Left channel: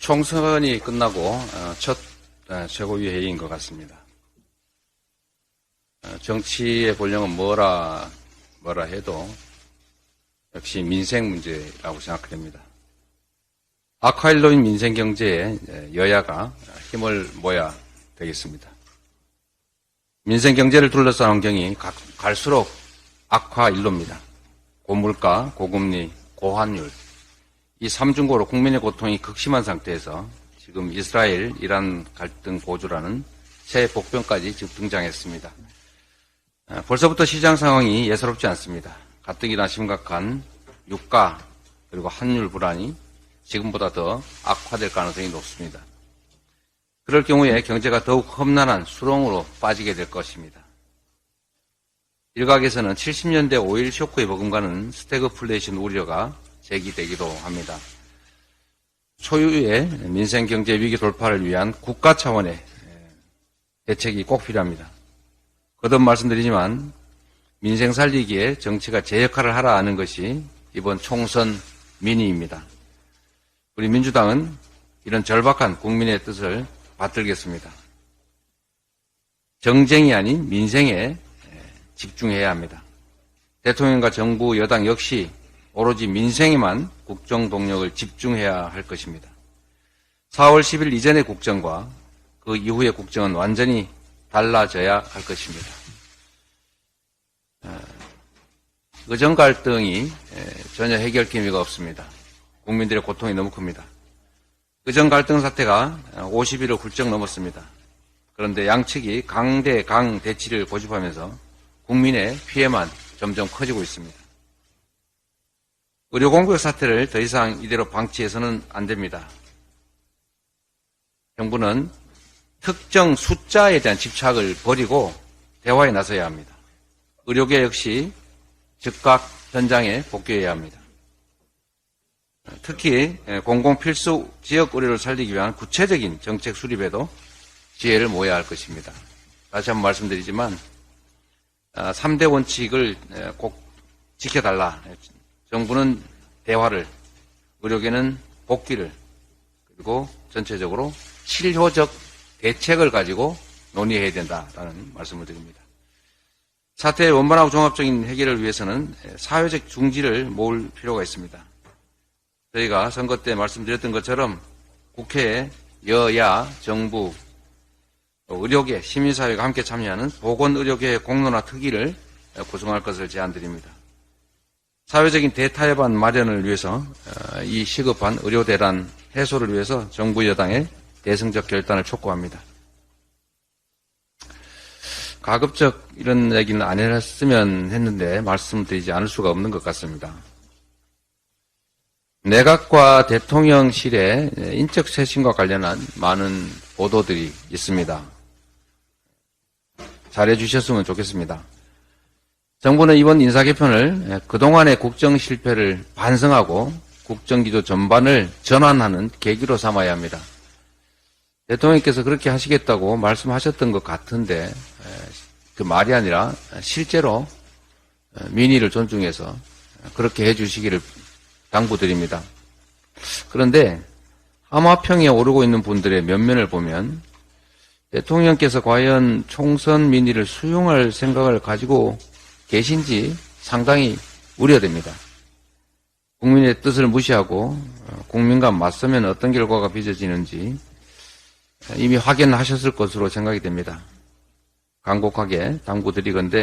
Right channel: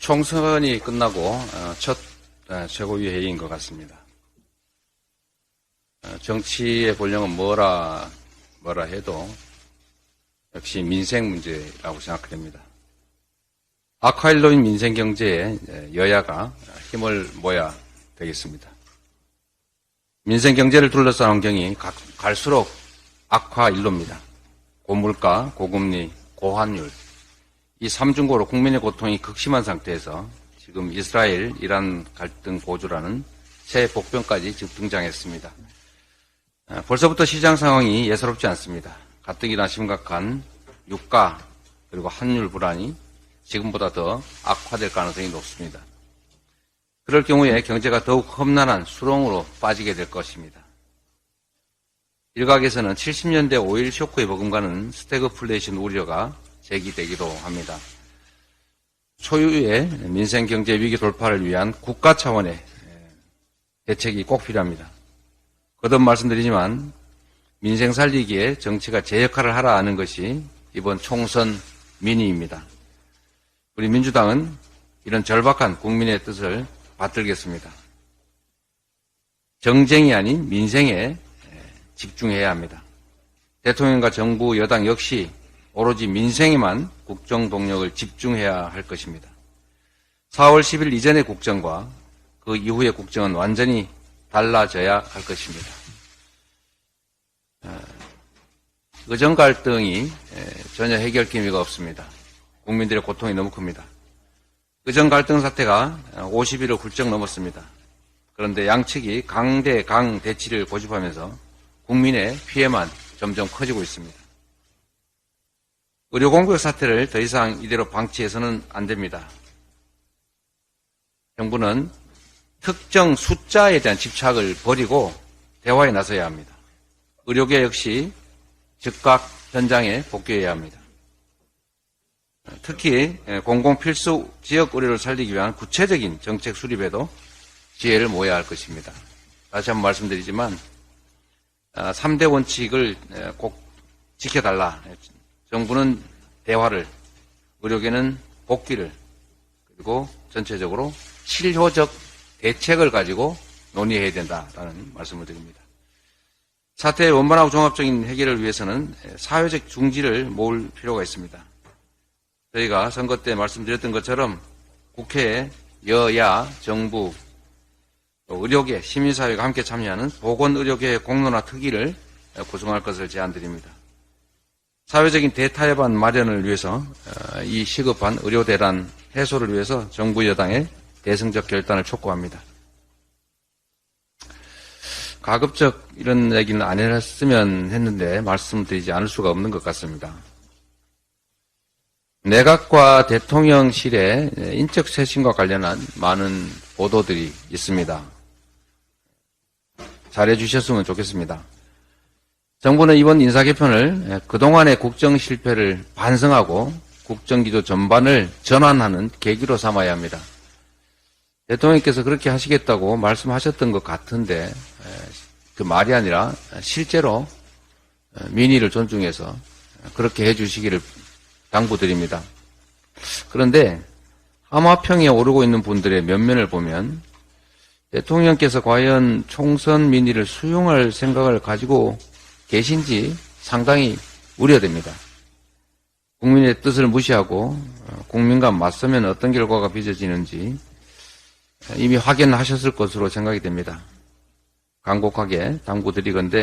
총선이 끝나고 첫 최고위 회의인 것 같습니다. 정치의 본령은 뭐라 해도 역시 민생 문제라고 생각됩니다. 악화일로인 민생 경제에 여야가 힘을 모아야 되겠습니다. 민생 경제를 둘러싼 환경이 갈수록 악화일로입니다. 고물가, 고금리, 고환율, 이 3중고로 국민의 고통이 극심한 상태에서 지금 이스라엘, 이란 갈등 고조라는 새 폭등까지 등장했습니다. 벌써부터 시장 상황이 예사롭지 않습니다. 가뜩이나 심각한 물가 그리고 환율 불안이 지금보다 더 악화될 가능성이 높습니다. 그럴 경우에 경제가 더욱 험난한 수렁으로 빠지게 될 것입니다. 일각에서는 70년대 오일 쇼크에 버금가는 스태그플레이션 우려가 제기되기도 합니다. 초유의 민생 경제 위기 돌파를 위한 국가 차원의 대책이 꼭 필요합니다. 거듭 말씀드리지만 민생 살리기에 정치가 제 역할을 하라 하는 것이 이번 총선 민의입니다. 우리 민주당은 이런 절박한 국민의 뜻을 받들겠습니다. 정쟁이 아닌 민생에 집중해야 합니다. 대통령과 정부, 여당 역시 오로지 민생에만 국정 동력을 집중해야 할 것입니다. 4월 10일 이전의 국정과 그 이후의 국정은 완전히 달라져야 할 것입니다. 의정 갈등이 전혀 해결 기미가 없습니다. 국민들의 고통이 너무 큽니다. 의정 갈등 사태가 50일을 훌쩍 넘었습니다. 그런데 양측이 강대 강 대치를 고집하면서 국민의 피해만 점점 커지고 있습니다. 의료공백 사태를 더 이상 이대로 방치해서는 안 됩니다. 정부는 특정 숫자에 대한 집착을 버리고 대화에 나서야 합니다. 의료계 역시 즉각 현장에 복귀해야 합니다. 특히 공공필수 지역 의료를 살리기 위한 구체적인 정책 수립에도 지혜를 모아야 할 것입니다. 다시 한번 말씀드리지만 3대 원칙을 꼭 지켜달라. 정부는 대화를, 의료계는 복귀를, 그리고 전체적으로 실효적 대책을 가지고 논의해야 된다는 말씀을 드립니다. 사태의 원만하고 종합적인 해결을 위해서는 사회적 중지를 모을 필요가 있습니다. 저희가 선거 때 말씀드렸던 것처럼 국회에 여야, 정부, 의료계, 시민사회가 함께 참여하는 보건의료계 공론화 특위를 구성할 것을 제안드립니다. 사회적인 대타협안 마련을 위해서 이 시급한 의료대란 해소를 위해서 정부 여당의 대승적 결단을 촉구합니다. 가급적 이런 얘기는 안 했으면 했는데 말씀드리지 않을 수가 없는 것 같습니다. 내각과 대통령실의 인적 쇄신과 관련한 많은 보도들이 있습니다. 잘해 주셨으면 좋겠습니다. 정부는 이번 인사 개편을 그동안의 국정 실패를 반성하고 국정기조 전반을 전환하는 계기로 삼아야 합니다. 대통령께서 그렇게 하시겠다고 말씀하셨던 것 같은데 그 말이 아니라 실제로 민의를 존중해서 그렇게 해주시기를 당부드립니다. 그런데 하마평에 오르고 있는 분들의 면면을 보면 대통령께서 과연 총선 민의를 수용할 생각을 가지고 계신지 상당히 우려됩니다. 국민의 뜻을 무시하고 국민과 맞서면 어떤 결과가 빚어지는지 이미 확인하셨을 것으로 생각이 됩니다. 간곡하게 당부드리건대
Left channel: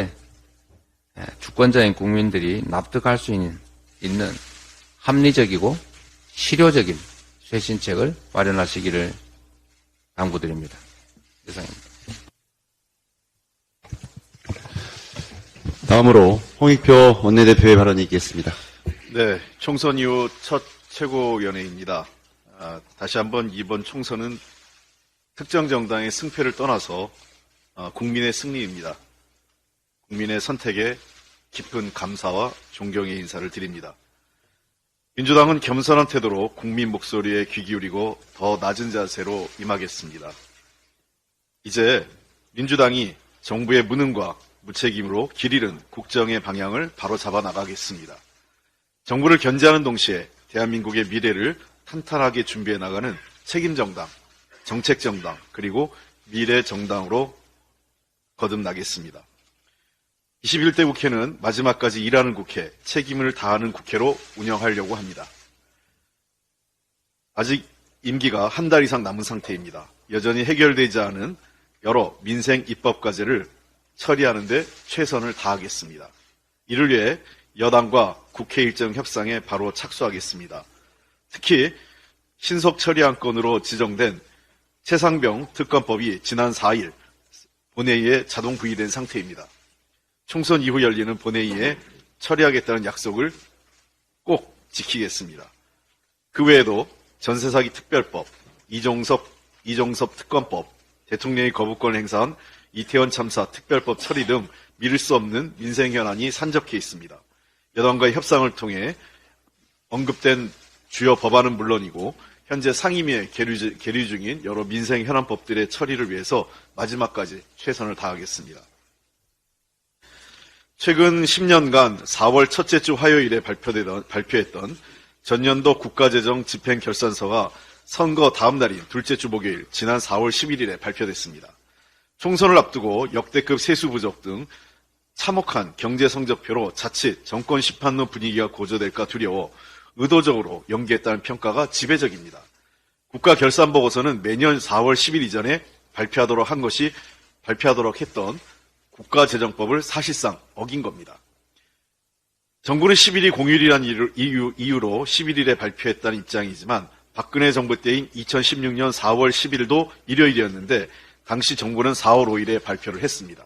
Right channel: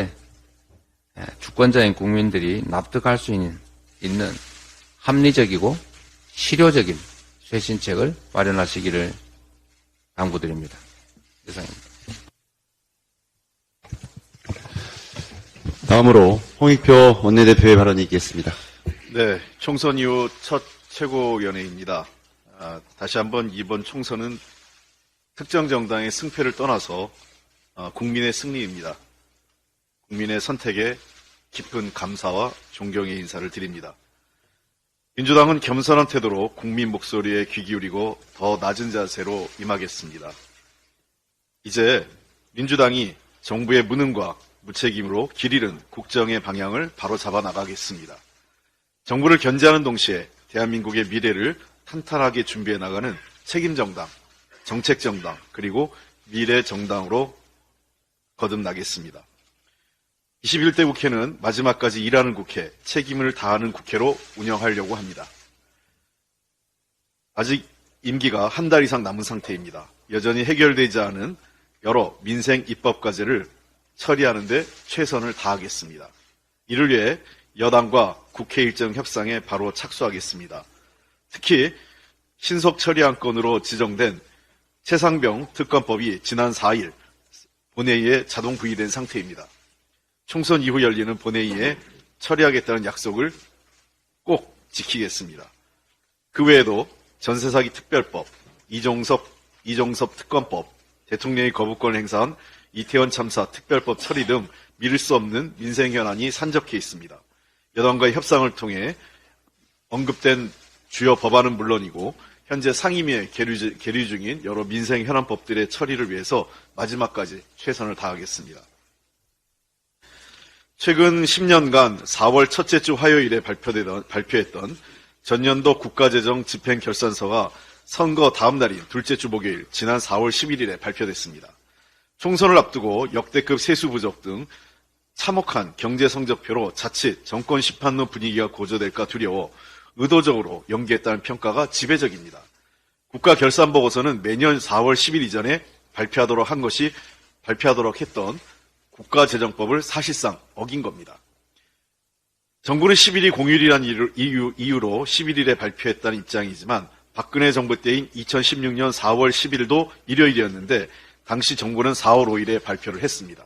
주권자인 국민들이 납득할 수 있는 합리적이고 실효적인 쇄신책을 마련하시기를 당부드립니다. 다음으로 홍익표 원내대표의 발언이 있겠습니다. 네, 총선 이후 첫 최고위원회입니다. 다시 한번 이번 총선은 특정 정당의 승패를 떠나서 국민의 승리입니다. 국민의 선택에 깊은 감사와 존경의 인사를 드립니다. 민주당은 겸손한 태도로 국민 목소리에 귀 기울이고 더 낮은 자세로 임하겠습니다. 이제 민주당이 정부의 무능과 무책임으로 길 잃은 국정의 방향을 바로잡아 나가겠습니다. 정부를 견제하는 동시에 대한민국의 미래를 탄탄하게 준비해 나가는 책임정당, 정책정당, 그리고 미래정당으로 거듭나겠습니다. 21대 국회는 마지막까지 일하는 국회, 책임을 다하는 국회로 운영하려고 합니다. 아직 임기가 한 달 이상 남은 상태입니다. 여전히 해결되지 않은 여러 민생 입법 과제를 처리하는 데 최선을 다하겠습니다. 이를 위해 여당과 국회 일정 협상에 바로 착수하겠습니다. 특히 신속 처리 안건으로 지정된 최상병 특검법이 지난 4일 본회의에 자동 부의된 상태입니다. 총선 이후 열리는 본회의에 처리하겠다는 약속을 꼭 지키겠습니다. 그 외에도 전세사기 특별법, 이종섭 특검법, 대통령이 거부권을 행사한 이태원 참사 특별법 처리 등 미룰 수 없는 민생 현안이 산적해 있습니다. 여당과의 협상을 통해 언급된 주요 법안은 물론이고 현재 상임위에 계류 중인 여러 민생 현안법들의 처리를 위해서 마지막까지 최선을 다하겠습니다. 최근 10년간 4월 첫째 주 화요일에 발표했던 전년도 국가재정 집행결산서가 선거 다음 날인 둘째 주 목요일 지난 4월 11일에 발표됐습니다. 총선을 앞두고 역대급 세수 부족 등 참혹한 경제 성적표로 자칫 정권 심판론 분위기가 고조될까 두려워 의도적으로 연기했다는 평가가 지배적입니다. 국가결산보고서는 매년 4월 10일 이전에 발표하도록 했던 국가재정법을 사실상 어긴 겁니다. 정부는 10일이 공휴일이란 이유로 11일에 발표했다는 입장이지만 박근혜 정부 때인 2016년 4월 10일도 일요일이었는데 당시 정부는 4월 5일에 발표를 했습니다.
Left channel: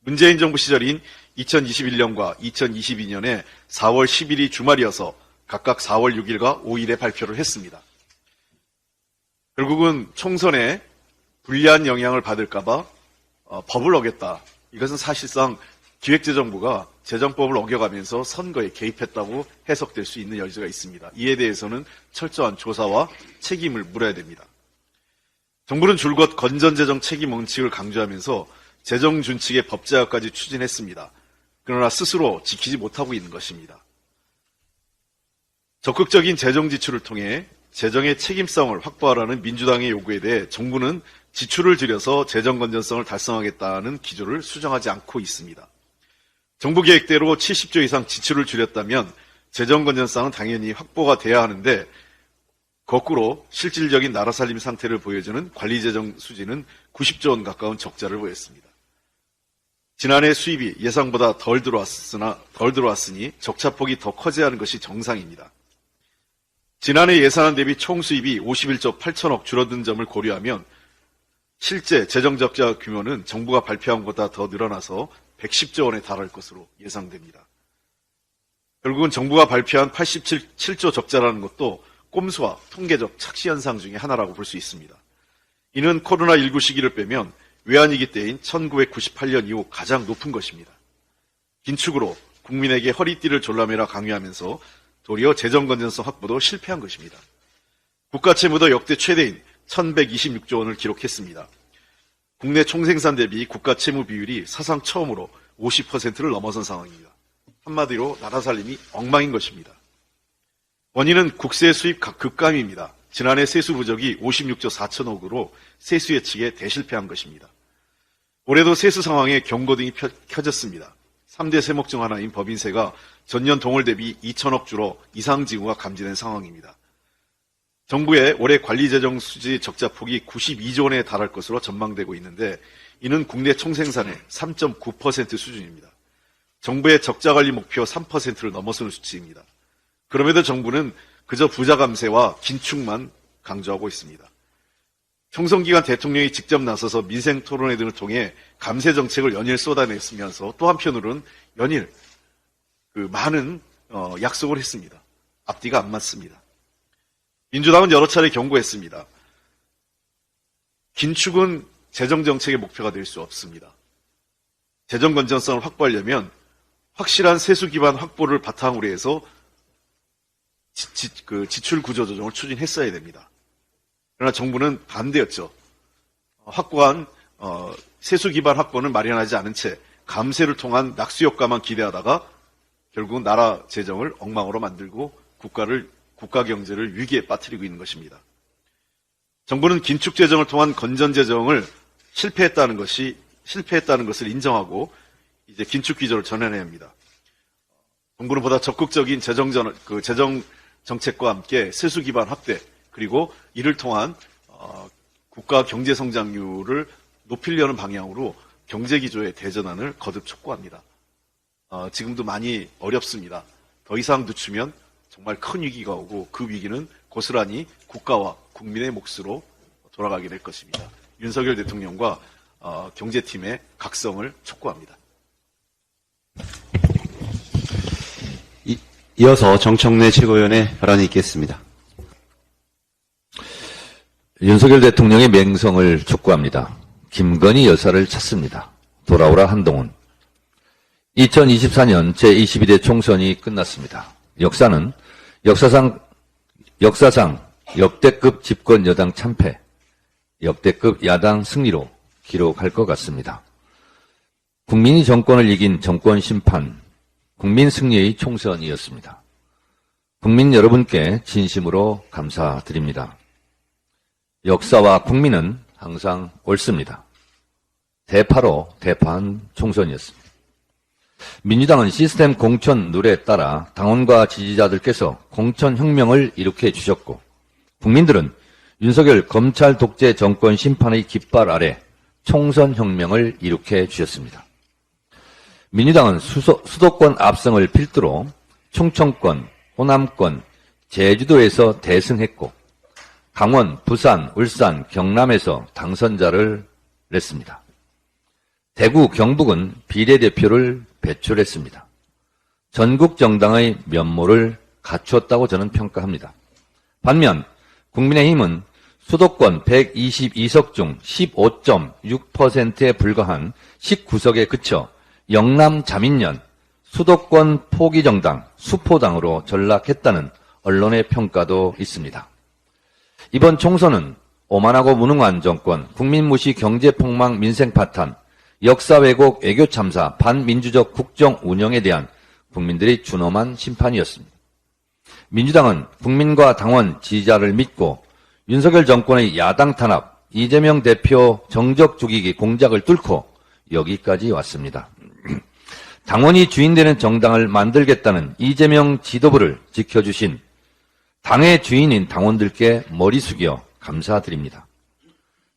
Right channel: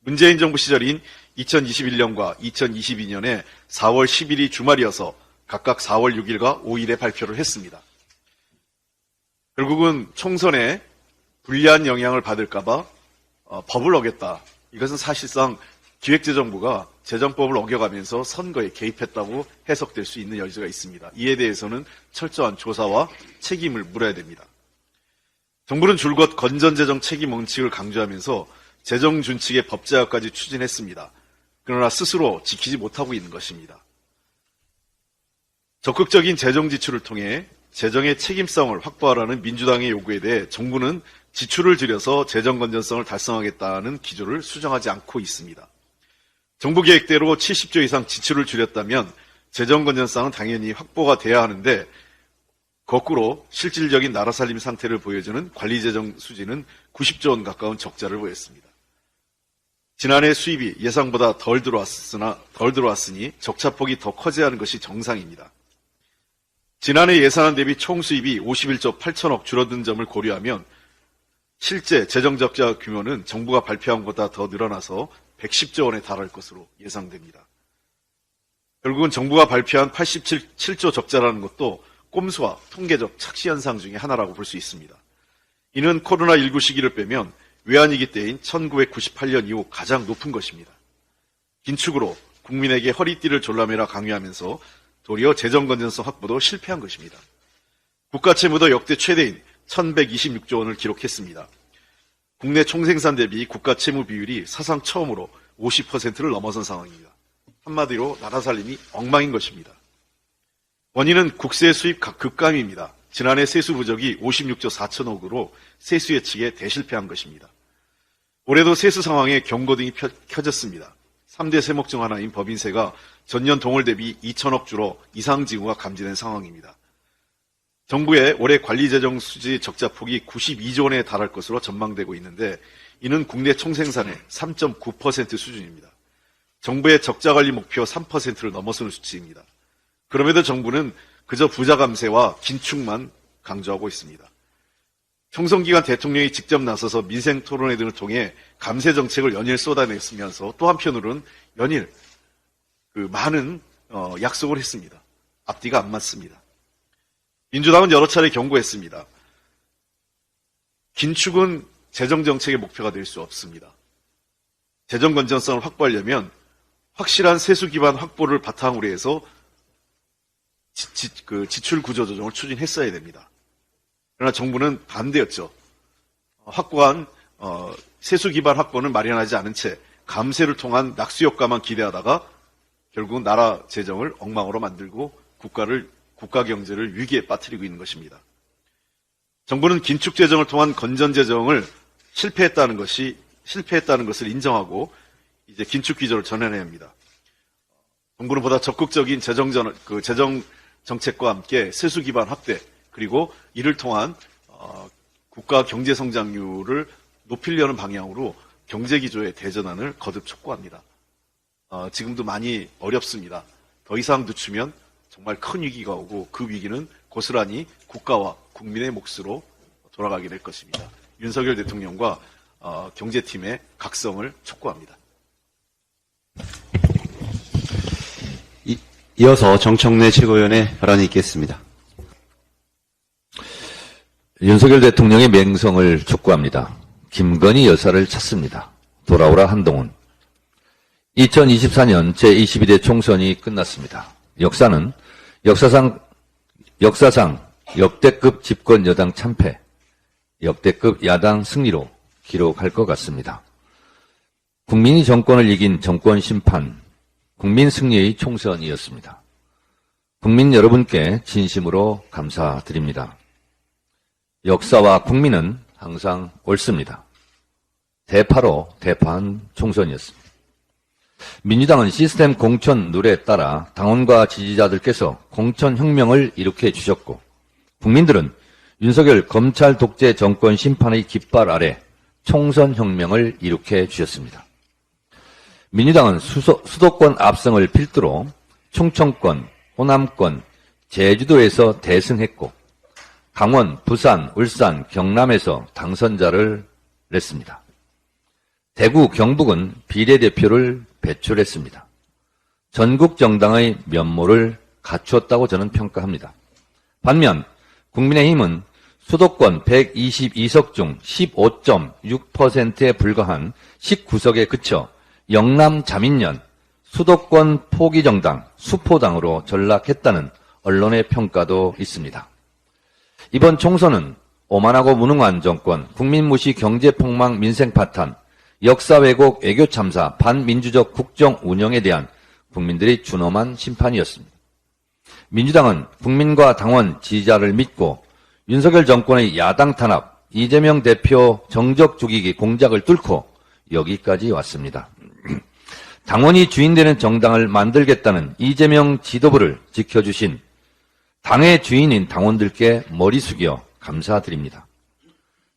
문재인 정부 시절인 2021년과 2022년에 4월 10일이 주말이어서 각각 4월 6일과 5일에 발표를 했습니다. 결국은 총선에 불리한 영향을 받을까봐 법을 어겼다. 이것은 사실상 기획재정부가 재정법을 어겨가면서 선거에 개입했다고 해석될 수 있는 여지가 있습니다. 이에 대해서는 철저한 조사와 책임을 물어야 됩니다. 정부는 줄곧 건전재정 책임 원칙을 강조하면서 재정 준칙의 법제화까지 추진했습니다. 그러나 스스로 지키지 못하고 있는 것입니다. 적극적인 재정 지출을 통해 재정의 책임성을 확보하라는 민주당의 요구에 대해 정부는 지출을 줄여서 재정 건전성을 달성하겠다는 기조를 수정하지 않고 있습니다. 정부 계획대로 70조 이상 지출을 줄였다면 재정 건전성은 당연히 확보가 돼야 하는데 거꾸로 실질적인 나라 살림 상태를 보여주는 관리재정 수지는 90조 원 가까운 적자를 보였습니다. 지난해 수입이 예상보다 덜 들어왔으니 적자폭이 더 커져야 하는 것이 정상입니다. 지난해 예산안 대비 총 수입이 51조 8천억 줄어든 점을 고려하면 실제 재정 적자 규모는 정부가 발표한 것보다 더 늘어나서 110조 원에 달할 것으로 예상됩니다. 결국은 정부가 발표한 87조 적자라는 것도 꼼수와 통계적 착시 현상 중에 하나라고 볼 수 있습니다. 이는 코로나19 시기를 빼면 외환위기 때인 1998년 이후 가장 높은 것입니다. 긴축으로 국민에게 허리띠를 졸라매라 강요하면서 도리어 재정 건전성 확보도 실패한 것입니다. 국가 채무도 역대 최대인 1126조 원을 기록했습니다. 국내 총생산 대비 국가 채무 비율이 사상 처음으로 50%를 넘어선 상황입니다. 한마디로 나라 살림이 엉망인 것입니다. 원인은 국세 수입 급감입니다. 지난해 세수 부족이 56조 4천억으로 세수 예측에 대실패한 것입니다. 올해도 세수 상황에 경고등이 켜졌습니다. 3대 세목 중 하나인 법인세가 전년 동월 대비 2천억 줄어 이상 징후가 감지된 상황입니다. 정부의 올해 관리재정 수지 적자폭이 92조 원에 달할 것으로 전망되고 있는데 이는 국내 총생산의 3.9% 수준입니다. 정부의 적자관리 목표 3%를 넘어서는 수치입니다. 그럼에도 정부는 그저 부자 감세와 긴축만 강조하고 있습니다. 총선기간 대통령이 직접 나서서 민생 토론회 등을 통해 감세 정책을 연일 쏟아냈으면서 또 한편으로는 연일 많은 약속을 했습니다. 앞뒤가 안 맞습니다. 민주당은 여러 차례 경고했습니다. 긴축은 재정정책의 목표가 될 수 없습니다. 재정 건전성을 확보하려면 확실한 세수 기반 확보를 바탕으로 해서 지출 구조 조정을 추진했어야 됩니다. 그러나 정부는 반대였죠. 확고한 세수 기반 확보를 마련하지 않은 채 감세를 통한 낙수 효과만 기대하다가 결국은 나라 재정을 엉망으로 만들고 국가 경제를 위기에 빠뜨리고 있는 것입니다. 정부는 긴축 재정을 통한 건전 재정을 실패했다는 것을 인정하고 이제 긴축 기조를 전환해야 합니다. 정부는 보다 적극적인 재정 정책과 함께 세수 기반 확대, 그리고 이를 통한 국가 경제 성장률을 높이려는 방향으로 경제 기조의 대전환을 거듭 촉구합니다. 지금도 많이 어렵습니다. 더 이상 늦추면 정말 큰 위기가 오고 그 위기는 고스란히 국가와 국민의 몫으로 돌아가게 될 것입니다. 윤석열 대통령과 경제팀의 각성을 촉구합니다. 이어서 정청래 최고위원의 발언이 있겠습니다. 윤석열 대통령의 맹성을 촉구합니다. 김건희 여사를 찾습니다. 돌아오라 한동훈. 2024년 제21대 총선이 끝났습니다. 역사상 역대급 집권 여당 참패, 역대급 야당 승리로 기록할 것 같습니다. 국민이 정권을 이긴 정권 심판, 국민 승리의 총선이었습니다. 국민 여러분께 진심으로 감사드립니다. 역사와 국민은 항상 옳습니다. 대파로 대파한 총선이었습니다. 민주당은 시스템 공천 룰에 따라 당원과 지지자들께서 공천혁명을 일으켜 주셨고, 국민들은 윤석열 검찰 독재 정권 심판의 깃발 아래 총선혁명을 일으켜 주셨습니다. 민주당은 수도권 압승을 필두로 충청권, 호남권, 제주도에서 대승했고, 강원, 부산, 울산, 경남에서 당선자를 냈습니다. 대구, 경북은 비례대표를 배출했습니다. 전국 정당의 면모를 갖추었다고 저는 평가합니다. 반면 국민의힘은 수도권 122석 중 15.6%에 불과한 19석에 그쳐 영남 자민련, 수도권 포기정당, 수포당으로 전락했다는 언론의 평가도 있습니다. 이번 총선은 오만하고 무능한 정권, 국민무시 경제폭망 민생파탄, 역사 왜곡 외교 참사, 반민주적 국정 운영에 대한 국민들의 준엄한 심판이었습니다. 민주당은 국민과 당원, 지지자를 믿고 윤석열 정권의 야당 탄압, 이재명 대표 정적 죽이기 공작을 뚫고 여기까지 왔습니다. 당원이 주인되는 정당을 만들겠다는 이재명 지도부를 지켜주신 당의 주인인 당원들께 머리 숙여 감사드립니다.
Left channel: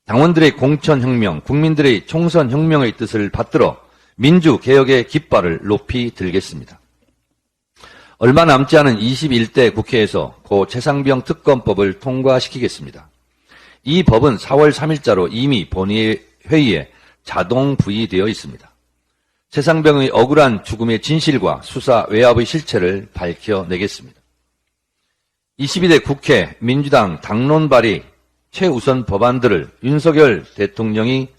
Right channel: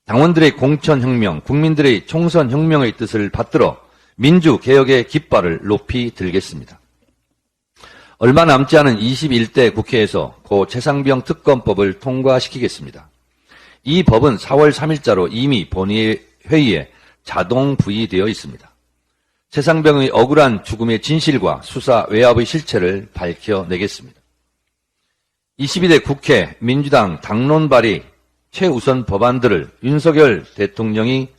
당원들의 공천혁명, 국민들의 총선혁명의 뜻을 받들어 민주개혁의 깃발을 높이 들겠습니다. 얼마 남지 않은 21대 국회에서 고 최상병 특검법을 통과시키겠습니다. 이 법은 4월 3일자로 이미 본회의에 자동 부의되어 있습니다. 최상병의 억울한 죽음의 진실과 수사 외압의 실체를 밝혀내겠습니다. 22대 국회 민주당 당론 발의 최우선 법안들은 윤석열 대통령이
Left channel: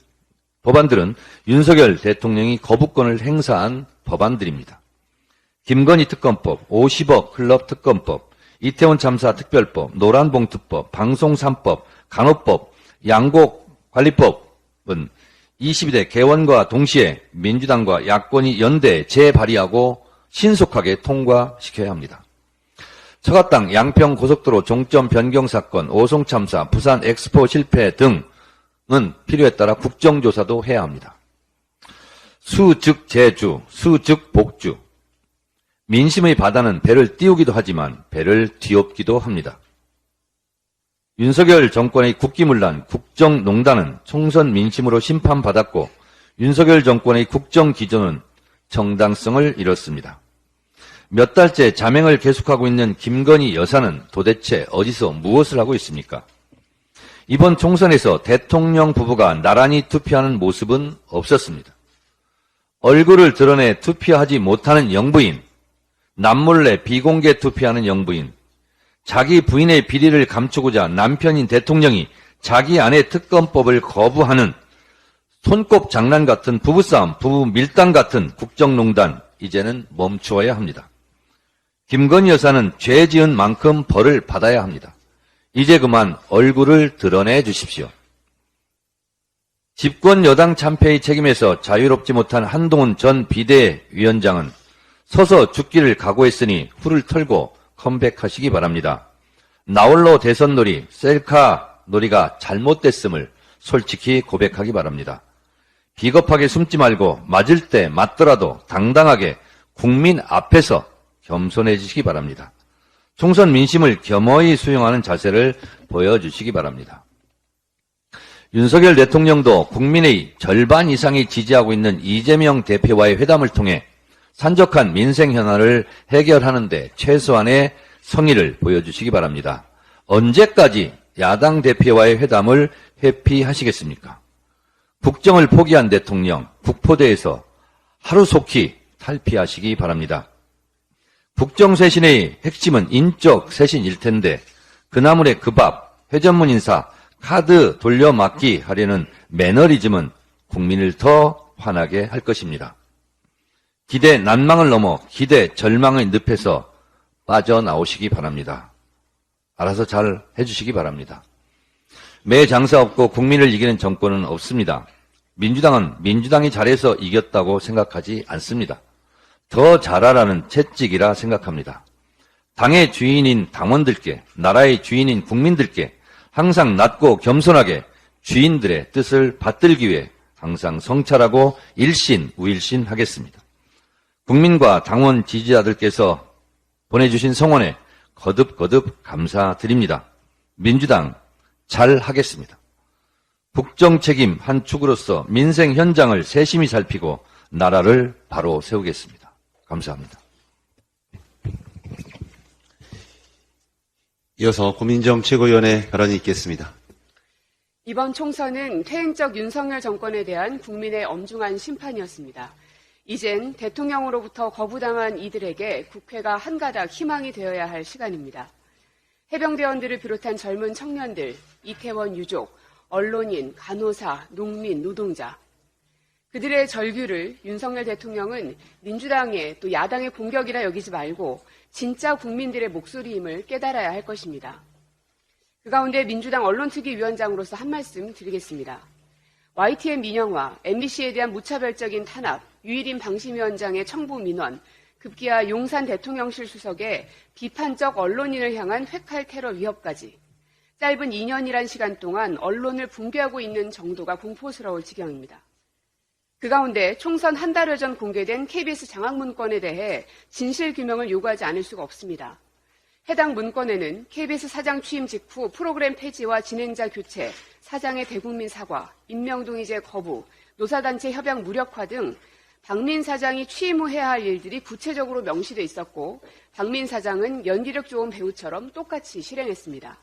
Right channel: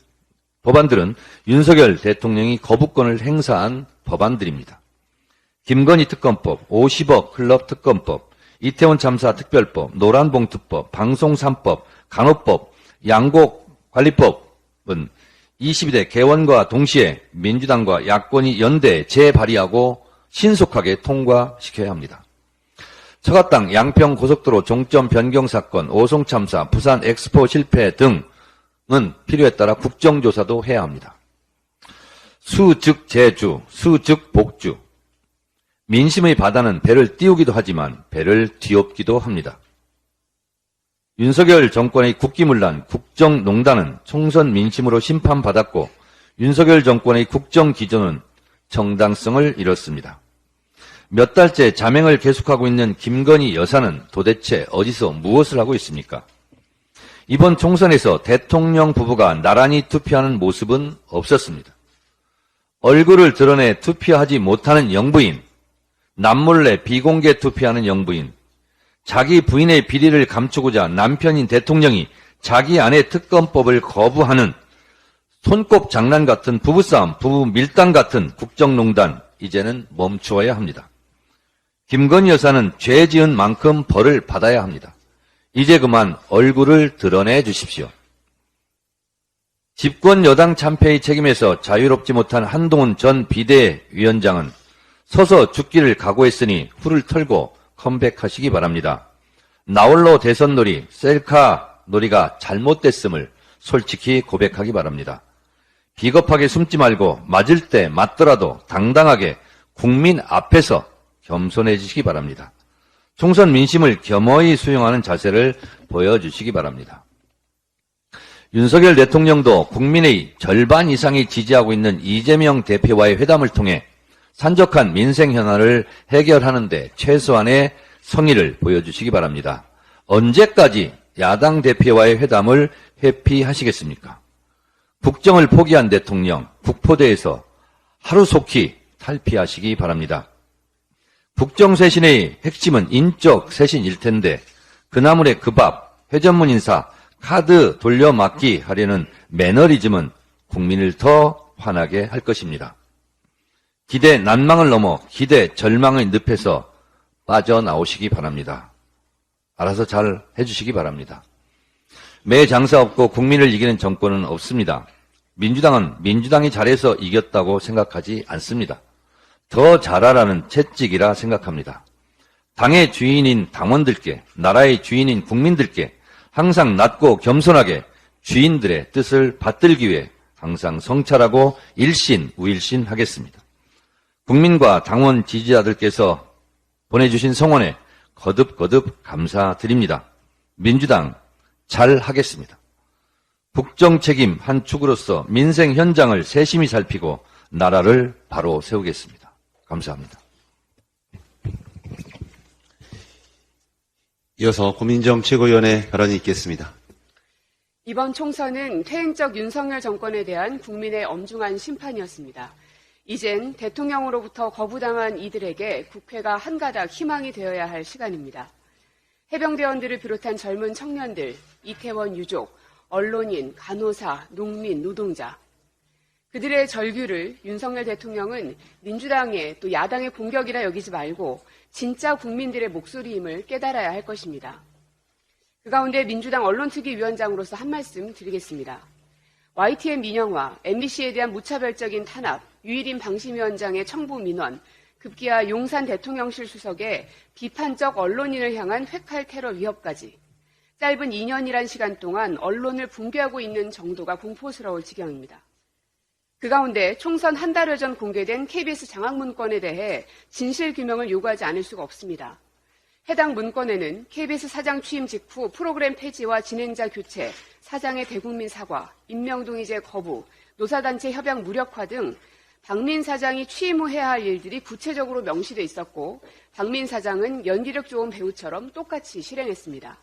거부권을 행사한 법안들입니다. 김건희 특검법, 50억 클럽 특검법, 이태원 참사 특별법, 노란봉투법, 방송 3법, 간호법, 양곡관리법은 22대 개원과 동시에 민주당과 야권이 연대 재발의하고 신속하게 통과시켜야 합니다. 처갓당 양평 고속도로 종점 변경 사건, 오송 참사, 부산 엑스포 실패 등은 필요에 따라 국정조사도 해야 합니다. 수 즉 제주, 수 즉 복주. 민심의 바다는 배를 띄우기도 하지만 배를 뒤엎기도 합니다. 윤석열 정권의 국기문란, 국정농단은 총선 민심으로 심판받았고 윤석열 정권의 국정기조는 정당성을 잃었습니다. 몇 달째 자맹을 계속하고 있는 김건희 여사는 도대체 어디서 무엇을 하고 있습니까? 이번 총선에서 대통령 부부가 나란히 투표하는 모습은 없었습니다. 얼굴을 드러내 투표하지 못하는 영부인, 남몰래 비공개 투표하는 영부인, 자기 부인의 비리를 감추고자 남편인 대통령이 자기 아내 특검법을 거부하는 손꼽 장난 같은 부부싸움, 부부 밀당 같은 국정농단, 이제는 멈추어야 합니다. 김건희 여사는 죄 지은 만큼 벌을 받아야 합니다. 이제 그만 얼굴을 드러내 주십시오. 집권 여당 참패의 책임에서 자유롭지 못한 한동훈 전 비대위원장은 서서 죽기를 각오했으니 후를 털고 컴백하시기 바랍니다. 나홀로 대선놀이, 셀카 놀이가 잘못됐음을 솔직히 고백하기 바랍니다. 비겁하게 숨지 말고 맞을 때 맞더라도 당당하게 국민 앞에서 겸손해지시기 바랍니다. 총선 민심을 겸허히 수용하는 자세를 보여주시기 바랍니다. 윤석열 대통령도 국민의 절반 이상이 지지하고 있는 이재명 대표와의 회담을 통해 산적한 민생 현안을 해결하는 데 최소한의 성의를 보여주시기 바랍니다. 언제까지 야당 대표와의 회담을 회피하시겠습니까? 국정을 포기한 대통령, 국포대에서 하루속히 탈피하시기 바랍니다. 국정쇄신의 핵심은 인적 쇄신일 텐데 그나물의 그 밥, 회전문 인사, 카드 돌려막기 하려는 매너리즘은 국민을 더 화나게 할 것입니다. 기대 난망을 넘어 기대 절망의 늪에서 빠져나오시기 바랍니다. 알아서 잘 해주시기 바랍니다. 매 장사 없고 국민을 이기는 정권은 없습니다. 민주당은 민주당이 잘해서 이겼다고 생각하지 않습니다. 더 잘하라는 채찍이라 생각합니다. 당의 주인인 당원들께, 나라의 주인인 국민들께 항상 낮고 겸손하게 주인들의 뜻을 받들기 위해 항상 성찰하고 일신, 우일신 하겠습니다. 국민과 당원 지지자들께서 보내주신 성원에 거듭거듭 감사드립니다. 민주당 잘 하겠습니다. 국정 책임 한 축으로서 민생 현장을 세심히 살피고 나라를 바로 세우겠습니다. 감사합니다. 이어서 고민정 최고위원의 발언이 있겠습니다. 이번 총선은 퇴행적 윤석열 정권에 대한 국민의 엄중한 심판이었습니다. 이젠 대통령으로부터 거부당한 이들에게 국회가 한 가닥 희망이 되어야 할 시간입니다. 해병대원들을 비롯한 젊은 청년들, 이태원 유족, 언론인, 간호사, 농민, 노동자. 그들의 절규를 윤석열 대통령은 민주당의 또 야당의 공격이라 여기지 말고 진짜 국민들의 목소리임을 깨달아야 할 것입니다. 그 가운데 민주당 언론특위위원장으로서 한 말씀 드리겠습니다. YTN 민영화, MBC에 대한 무차별적인 탄압, 유일인 방심위원장의 청부 민원, 급기야 용산 대통령실 수석의 비판적 언론인을 향한 회칼 테러 위협까지 짧은 2년이란 시간 동안 언론을 붕괴하고 있는 정도가 공포스러울 지경입니다. 그 가운데 총선 한 달여 전 공개된 KBS 장학 문건에 대해 진실 규명을 요구하지 않을 수가 없습니다. 해당 문건에는 KBS 사장 취임 직후 프로그램 폐지와 진행자 교체, 사장의 대국민 사과, 임명동의제 거부, 노사단체 협약 무력화 등 박민 사장이 취임 후 해야 할 일들이 구체적으로 명시돼 있었고 박민 사장은 연기력 좋은 배우처럼 똑같이 실행했습니다.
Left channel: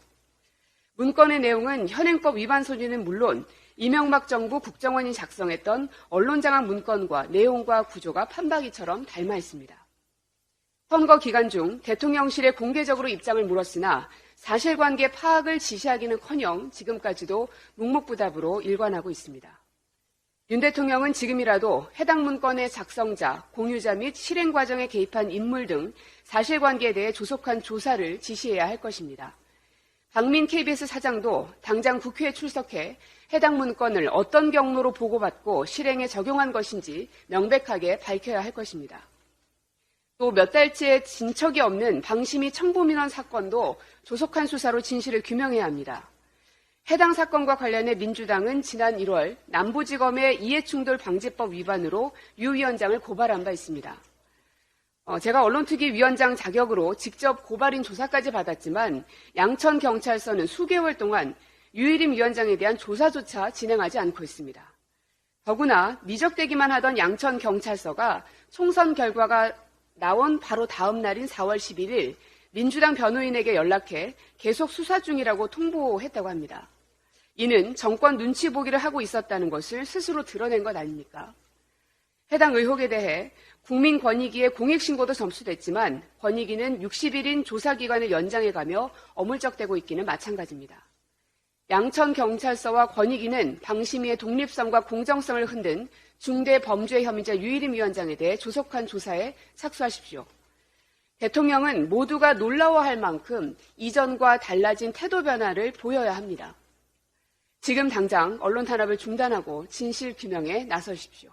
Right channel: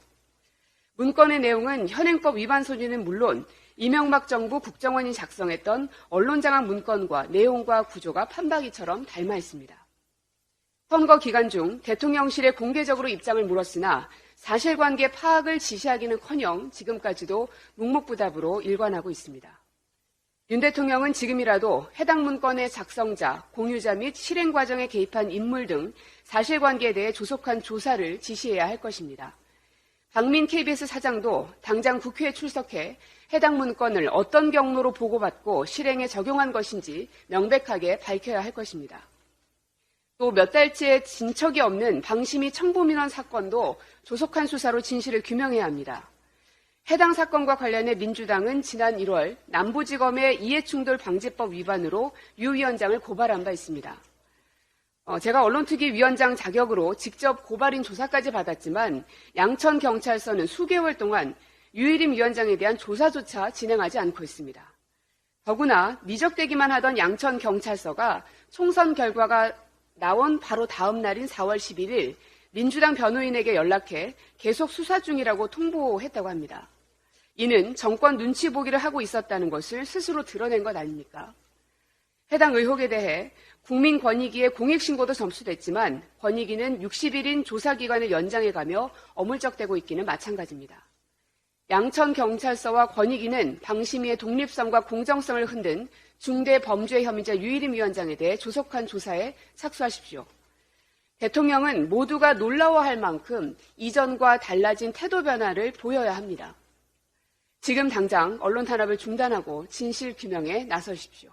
문건의 내용은 현행법 위반 소지는 물론 이명박 정부 국정원이 작성했던 언론장악 문건과 내용과 구조가 판박이처럼 닮아 있습니다. 선거 기간 중 대통령실에 공개적으로 입장을 물었으나 사실관계 파악을 지시하기는커녕 지금까지도 묵묵부답으로 일관하고 있습니다. 윤 대통령은 지금이라도 해당 문건의 작성자, 공유자 및 실행 과정에 개입한 인물 등 사실관계에 대해 조속한 조사를 지시해야 할 것입니다. 박민 KBS 사장도 당장 국회에 출석해 해당 문건을 어떤 경로로 보고받고 실행에 적용한 것인지 명백하게 밝혀야 할 것입니다. 또 몇 달째 진척이 없는 방심위 청부민원 사건도 조속한 수사로 진실을 규명해야 합니다. 해당 사건과 관련해 민주당은 지난 1월 남부지검의 이해충돌 방지법 위반으로 유 위원장을 고발한 바 있습니다. 제가 언론특위위원장 자격으로 직접 고발인 조사까지 받았지만 양천경찰서는 수개월 동안 유일임 위원장에 대한 조사조차 진행하지 않고 있습니다. 더구나 미적되기만 하던 양천경찰서가 총선 결과가 나온 바로 다음 날인 4월 11일 민주당 변호인에게 연락해 계속 수사 중이라고 통보했다고 합니다. 이는 정권 눈치 보기를 하고 있었다는 것을 스스로 드러낸 것 아닙니까? 해당 의혹에 대해 국민권익위의 공익신고도 접수됐지만 권익위는 60일인 조사기간을 연장해가며 어물쩍대고 있기는 마찬가지입니다. 양천경찰서와 권익위는 방심위의 독립성과 공정성을 흔든 중대 범죄 혐의자 유일임 위원장에 대해 조속한 조사에 착수하십시오. 대통령은 모두가 놀라워할 만큼 이전과 달라진 태도 변화를 보여야 합니다. 지금 당장 언론 탄압을 중단하고 진실 규명에 나서십시오.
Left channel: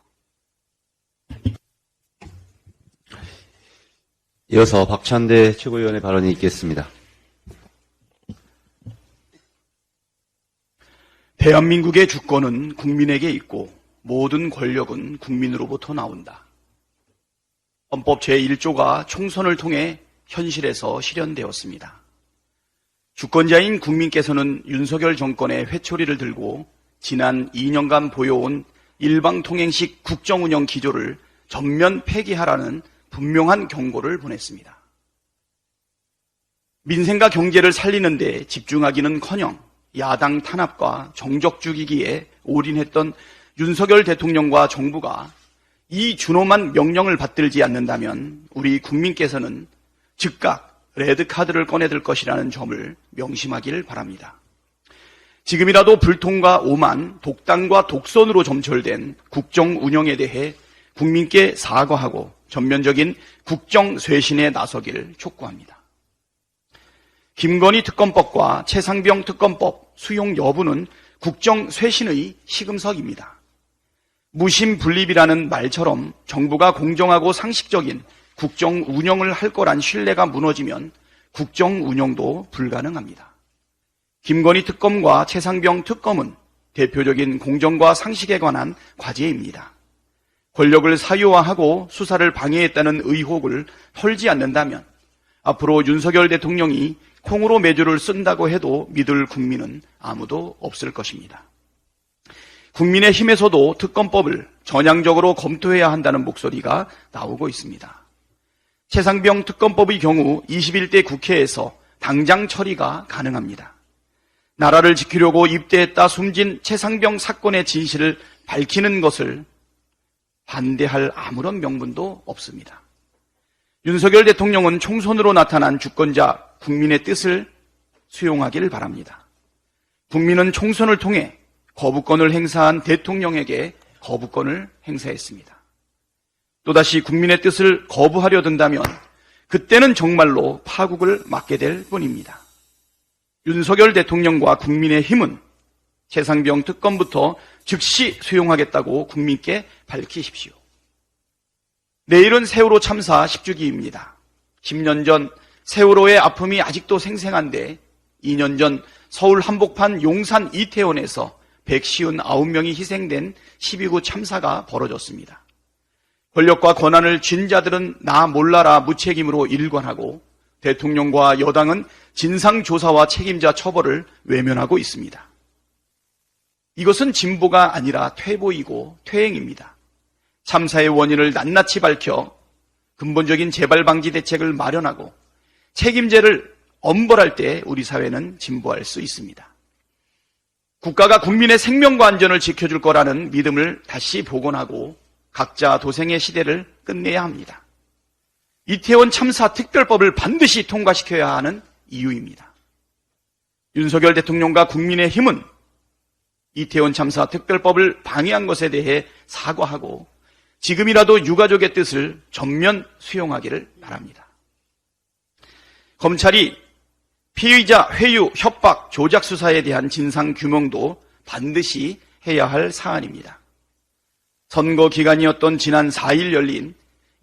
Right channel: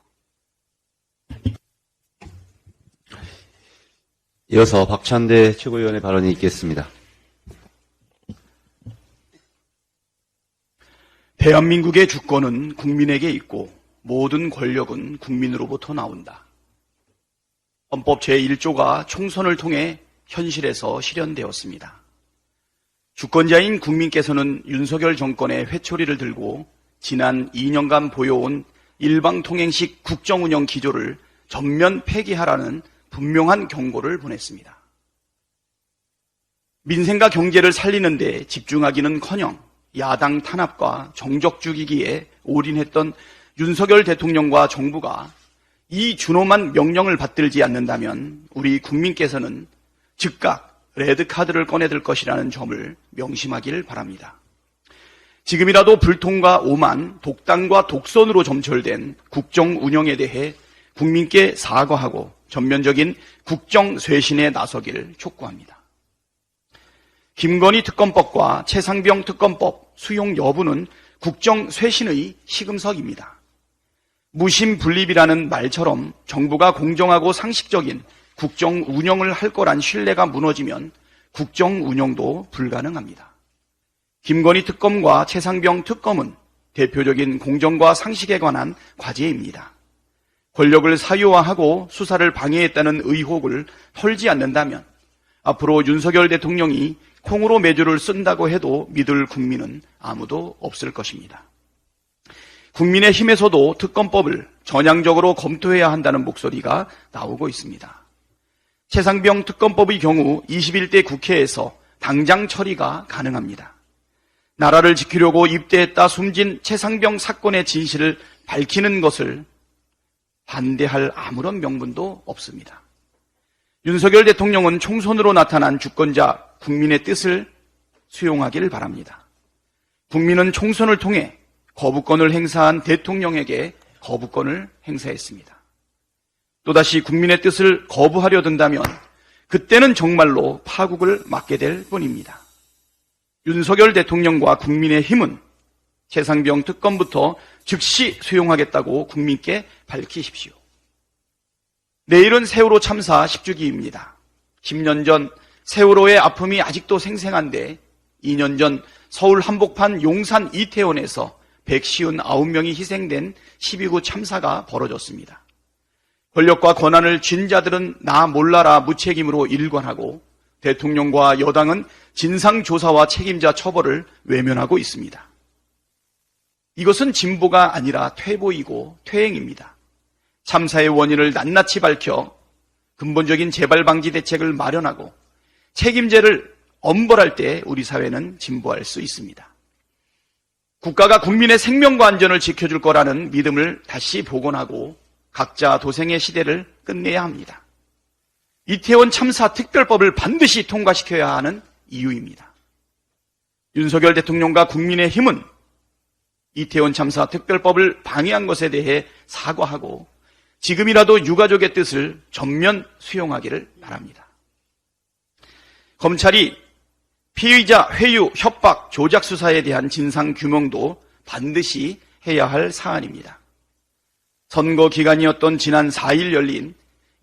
이어서 박찬대 최고위원의 발언이 있겠습니다. 대한민국의 주권은 국민에게 있고 모든 권력은 국민으로부터 나온다. 헌법 제1조가 총선을 통해 현실에서 실현되었습니다. 주권자인 국민께서는 윤석열 정권의 회초리를 들고 지난 2년간 보여온 일방통행식 국정운영 기조를 전면 폐기하라는 분명한 경고를 보냈습니다. 민생과 경제를 살리는 데 집중하기는커녕 야당 탄압과 정적 죽이기에 올인했던 윤석열 대통령과 정부가 이 준엄한 명령을 받들지 않는다면 우리 국민께서는 즉각 레드카드를 꺼내들 것이라는 점을 명심하길 바랍니다. 지금이라도 불통과 오만, 독단과 독선으로 점철된 국정 운영에 대해 국민께 사과하고 전면적인 국정 쇄신에 나서기를 촉구합니다. 김건희 특검법과 최상병 특검법 수용 여부는 국정 쇄신의 시금석입니다. 무심분립이라는 말처럼 정부가 공정하고 상식적인 국정 운영을 할 거란 신뢰가 무너지면 국정 운영도 불가능합니다. 김건희 특검과 최상병 특검은 대표적인 공정과 상식에 관한 과제입니다. 권력을 사유화하고 수사를 방해했다는 의혹을 털지 않는다면 앞으로 윤석열 대통령이 통으로 매듭을 쓴다고 해도 믿을 국민은 아무도 없을 것입니다. 국민의힘에서도 특검법을 전향적으로 검토해야 한다는 목소리가 나오고 있습니다. 최상병 특검법의 경우 21대 국회에서 당장 처리가 가능합니다. 나라를 지키려고 입대했다 숨진 최상병 사건의 진실을 밝히는 것을 반대할 아무런 명분도 없습니다. 윤석열 대통령은 총선으로 나타난 주권자 국민의 뜻을 수용하기를 바랍니다. 국민은 총선을 통해 거부권을 행사한 대통령에게 거부권을 행사했습니다. 또다시 국민의 뜻을 거부하려 든다면 그때는 정말로 파국을 맞게 될 뿐입니다. 윤석열 대통령과 국민의힘은 최상병 특검부터 즉시 수용하겠다고 국민께 밝히십시오. 내일은 세월호 참사 10주기입니다. 10년 전 세월호의 아픔이 아직도 생생한데 2년 전 서울 한복판 용산 이태원에서 159명이 희생된 12구 참사가 벌어졌습니다. 권력과 권한을 쥔 자들은 나 몰라라 무책임으로 일관하고 대통령과 여당은 진상조사와 책임자 처벌을 외면하고 있습니다. 이것은 진보가 아니라 퇴보이고 퇴행입니다. 참사의 원인을 낱낱이 밝혀 근본적인 재발 방지 대책을 마련하고 책임제를 엄벌할 때 우리 사회는 진보할 수 있습니다. 국가가 국민의 생명과 안전을 지켜줄 거라는 믿음을 다시 복원하고 각자 도생의 시대를 끝내야 합니다. 이태원 참사 특별법을 반드시 통과시켜야 하는 이유입니다. 윤석열 대통령과 국민의힘은 이태원 참사 특별법을 방해한 것에 대해 사과하고 지금이라도 유가족의 뜻을 전면 수용하기를 바랍니다. 검찰이 피의자 회유, 협박, 조작 수사에 대한 진상 규명도 반드시 해야 할 사안입니다. 선거 기간이었던 지난 4일 열린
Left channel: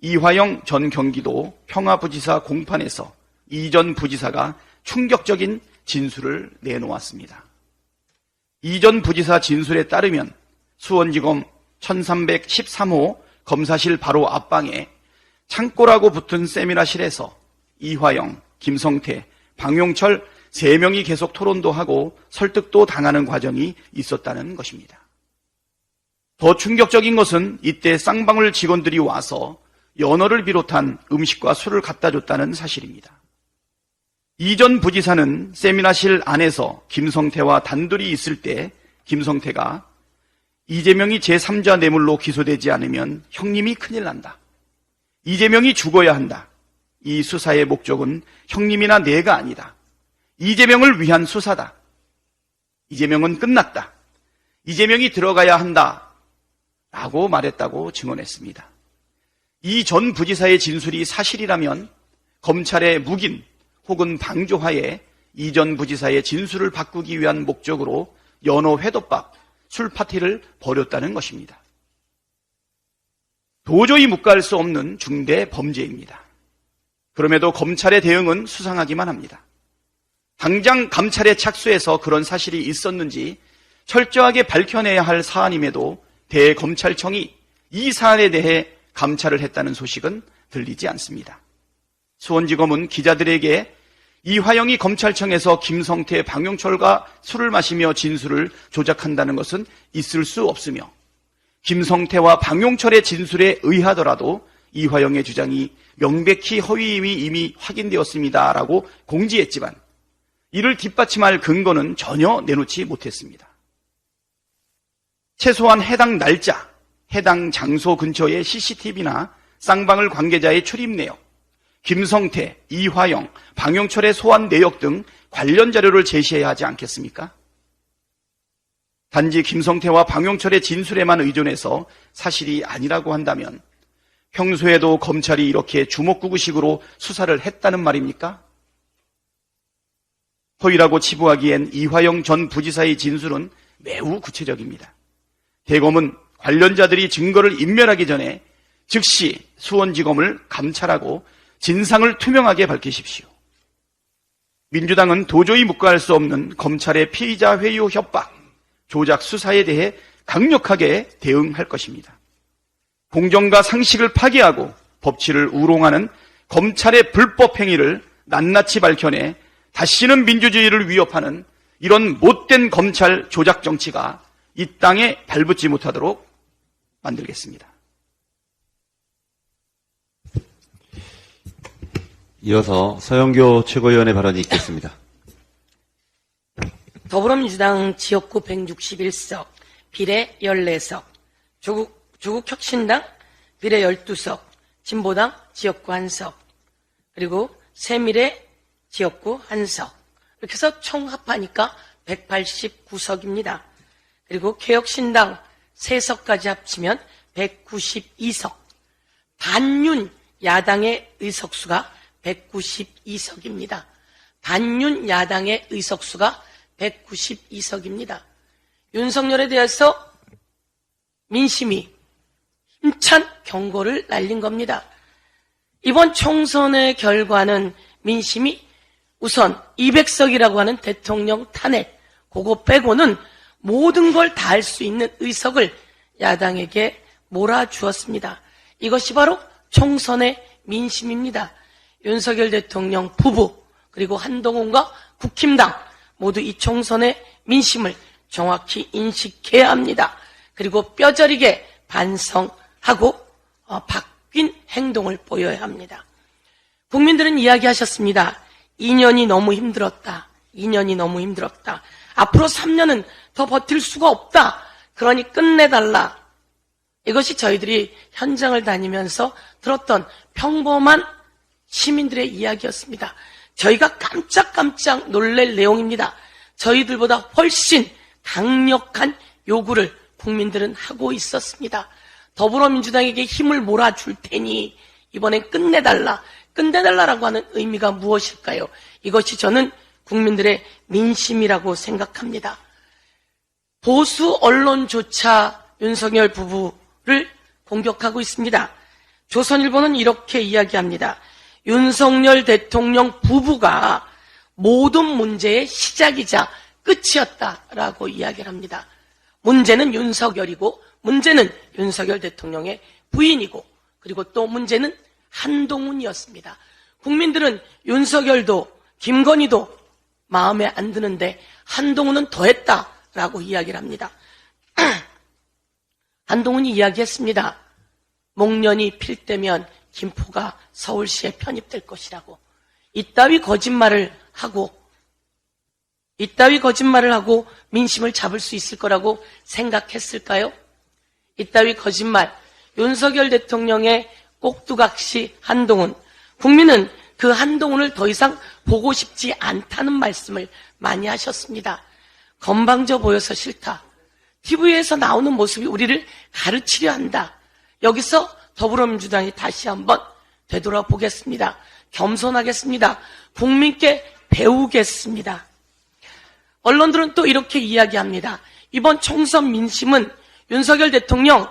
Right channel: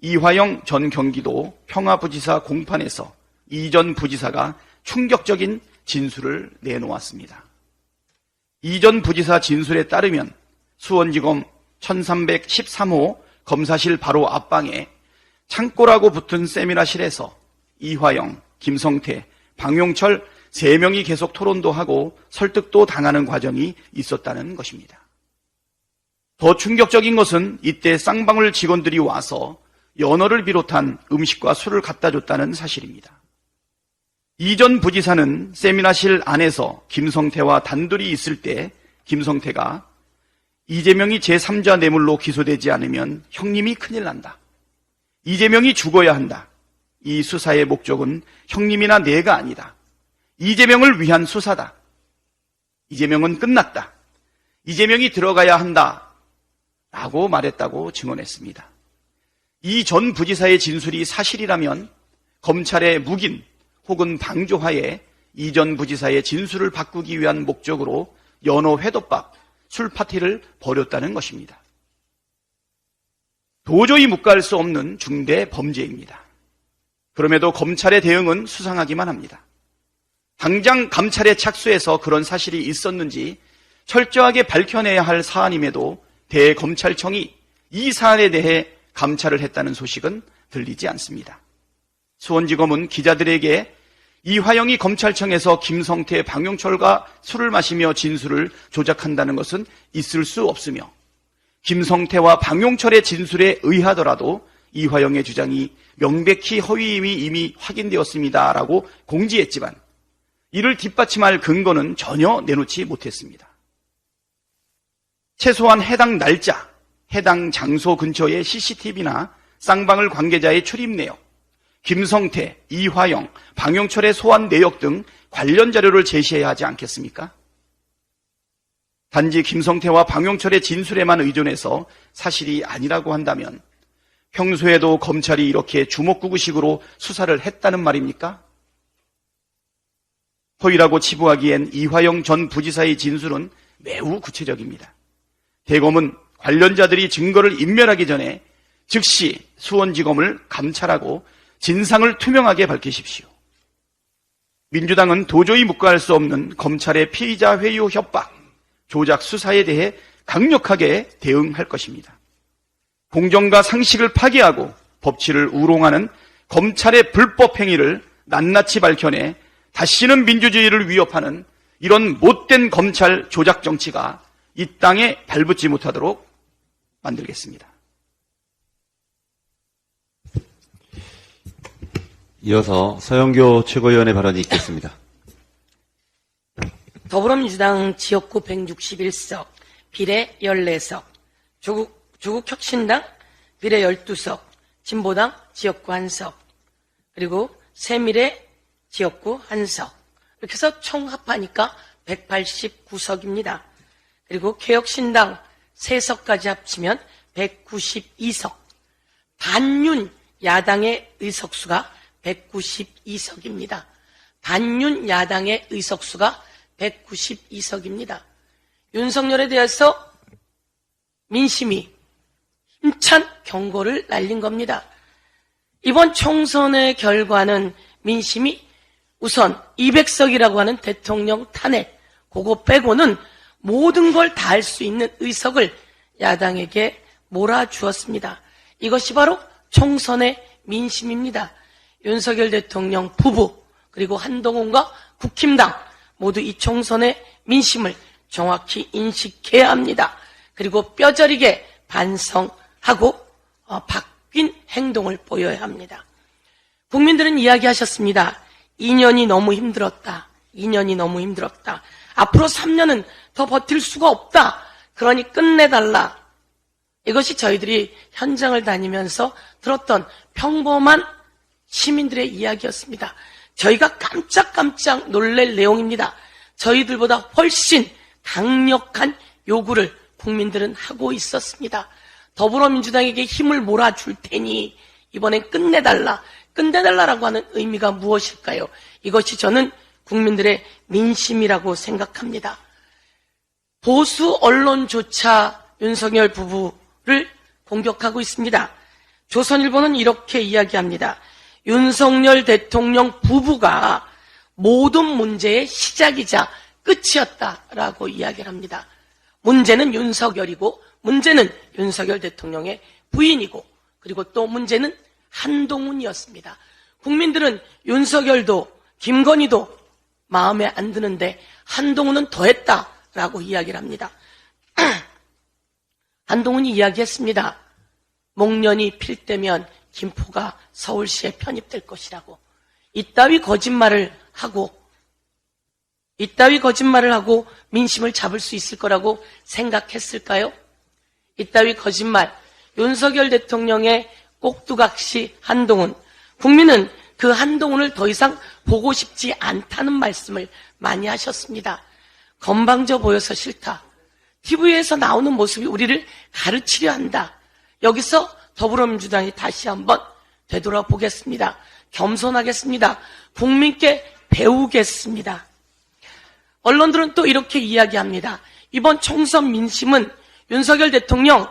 이화영 전 경기도 평화부지사 공판에서 이 전 부지사가 충격적인 진술을 내놓았습니다. 이 전 부지사 진술에 따르면 수원지검 1313호 검사실 바로 앞방에 창고라고 붙은 세미나실에서 이화영, 김성태, 방용철 3명이 계속 토론도 하고 설득도 당하는 과정이 있었다는 것입니다. 더 충격적인 것은 이때 쌍방울 직원들이 와서 연어를 비롯한 음식과 술을 갖다 줬다는 사실입니다. 이 전 부지사는 세미나실 안에서 김성태와 단둘이 있을 때 김성태가 이재명이 제3자 뇌물로 기소되지 않으면 형님이 큰일 난다. 이재명이 죽어야 한다. 이 수사의 목적은 형님이나 내가 아니라 이재명을 위한 수사다. 이재명은 끝났다. 이재명이 들어가야 한다. 라고 말했다고 증언했습니다. 이 전 부지사의 진술이 사실이라면 검찰의 묵인 혹은 방조하에 이 전 부지사의 진술을 바꾸기 위한 목적으로 연어 회덮밥, 술 파티를 벌였다는 것입니다. 도저히 묵과할 수 없는 중대 범죄입니다. 그럼에도 검찰의 대응은 수상하기만 합니다. 당장 감찰에 착수해서 그런 사실이 있었는지 철저하게 밝혀내야 할 사안임에도 대검찰청이 이 사안에 대해 감찰을 했다는 소식은 들리지 않습니다. 수원지검은 기자들에게 이화영이 검찰청에서 김성태, 방용철과 술을 마시며 진술을 조작한다는 것은 있을 수 없으며 김성태와 방용철의 진술에 의하더라도 이화영의 주장이 명백히 허위임이 이미 확인되었습니다라고 공지했지만 이를 뒷받침할 근거는 전혀 내놓지 못했습니다. 최소한 해당 날짜, 해당 장소 근처의 CCTV나 쌍방울 관계자의 출입 내역, 김성태, 이화영, 방용철의 소환 내역 등 관련 자료를 제시해야 하지 않겠습니까? 단지 김성태와 방용철의 진술에만 의존해서 사실이 아니라고 한다면 평소에도 검찰이 이렇게 주먹구구식으로 수사를 했다는 말입니까? 허위라고 치부하기엔 이화영 전 부지사의 진술은 매우 구체적입니다. 대검은 관련자들이 증거를 인멸하기 전에 즉시 수원지검을 감찰하고 진상을 투명하게 밝히십시오. 민주당은 도저히 묵과할 수 없는 검찰의 피의자 회유 협박, 조작 수사에 대해 강력하게 대응할 것입니다. 공정과 상식을 파괴하고 법치를 우롱하는 검찰의 불법 행위를 낱낱이 밝혀내 다시는 민주주의를 위협하는 이런 못된 검찰 조작 정치가 이 땅에 발붙지 못하도록 만들겠습니다. 이어서 서영교 최고위원의 발언이 있겠습니다. 더불어민주당 지역구 161석, 비례 14석, 조국혁신당 비례 12석, 진보당 지역구 1석, 그리고 새미래 지역구 1석, 이렇게 해서 총 합하니까 189석입니다. 그리고 개혁신당 3석까지 합치면 192석, 반윤 야당의 의석수가 192석입니다. 반윤 야당의 의석수가 192석입니다. 윤석열에 대해서 민심이 힘찬 경고를 날린 겁니다. 이번 총선의 결과는 민심이 우선 200석이라고 하는 대통령 탄핵, 그거 빼고는 모든 걸 다 할 수 있는 의석을 야당에게 몰아주었습니다. 이것이 바로 총선의 민심입니다. 윤석열 대통령 부부 그리고 한동훈과 국힘당 모두 이 총선의 민심을 정확히 인식해야 합니다. 그리고 뼈저리게 반성하고 바뀐 행동을 보여야 합니다. 국민들은 이야기하셨습니다. 2년이 너무 힘들었다. 2년이 너무 힘들었다. 앞으로 3년은 더 버틸 수가 없다. 그러니 끝내달라. 이것이 저희들이 현장을 다니면서 들었던 평범한 시민들의 이야기였습니다. 저희가 깜짝깜짝 놀랄 내용입니다. 저희들보다 훨씬 강력한 요구를 국민들은 하고 있었습니다. 더불어민주당에게 힘을 몰아줄 테니 이번엔 끝내달라. 끝내달라라고 하는 의미가 무엇일까요? 이것이 저는 국민들의 민심이라고 생각합니다. 보수 언론조차 윤석열 부부를 공격하고 있습니다. 조선일보는 이렇게 이야기합니다. 윤석열 대통령 부부가 모든 문제의 시작이자 끝이었다라고 이야기를 합니다. 문제는 윤석열이고 문제는 윤석열 대통령의 부인이고 그리고 또 문제는 한동훈이었습니다. 국민들은 윤석열도 김건희도 마음에 안 드는데 한동훈은 더했다라고 이야기를 합니다. 한동훈이 이야기했습니다. 목련이 필 때면 김포가 서울시에 편입될 것이라고. 이따위 거짓말을 하고 민심을 잡을 수 있을 거라고 생각했을까요? 이따위 거짓말, 윤석열 대통령의 꼭두각시 한동훈, 국민은 그 한동훈을 더 이상 보고 싶지 않다는 말씀을 많이 하셨습니다. 건방져 보여서 싫다. TV에서 나오는 모습이 우리를 가르치려 한다. 여기서 더불어민주당이 다시 한번 되돌아보겠습니다. 겸손하겠습니다. 국민께 배우겠습니다. 언론들은 또 이렇게 이야기합니다. 이번 총선 민심은 윤석열 대통령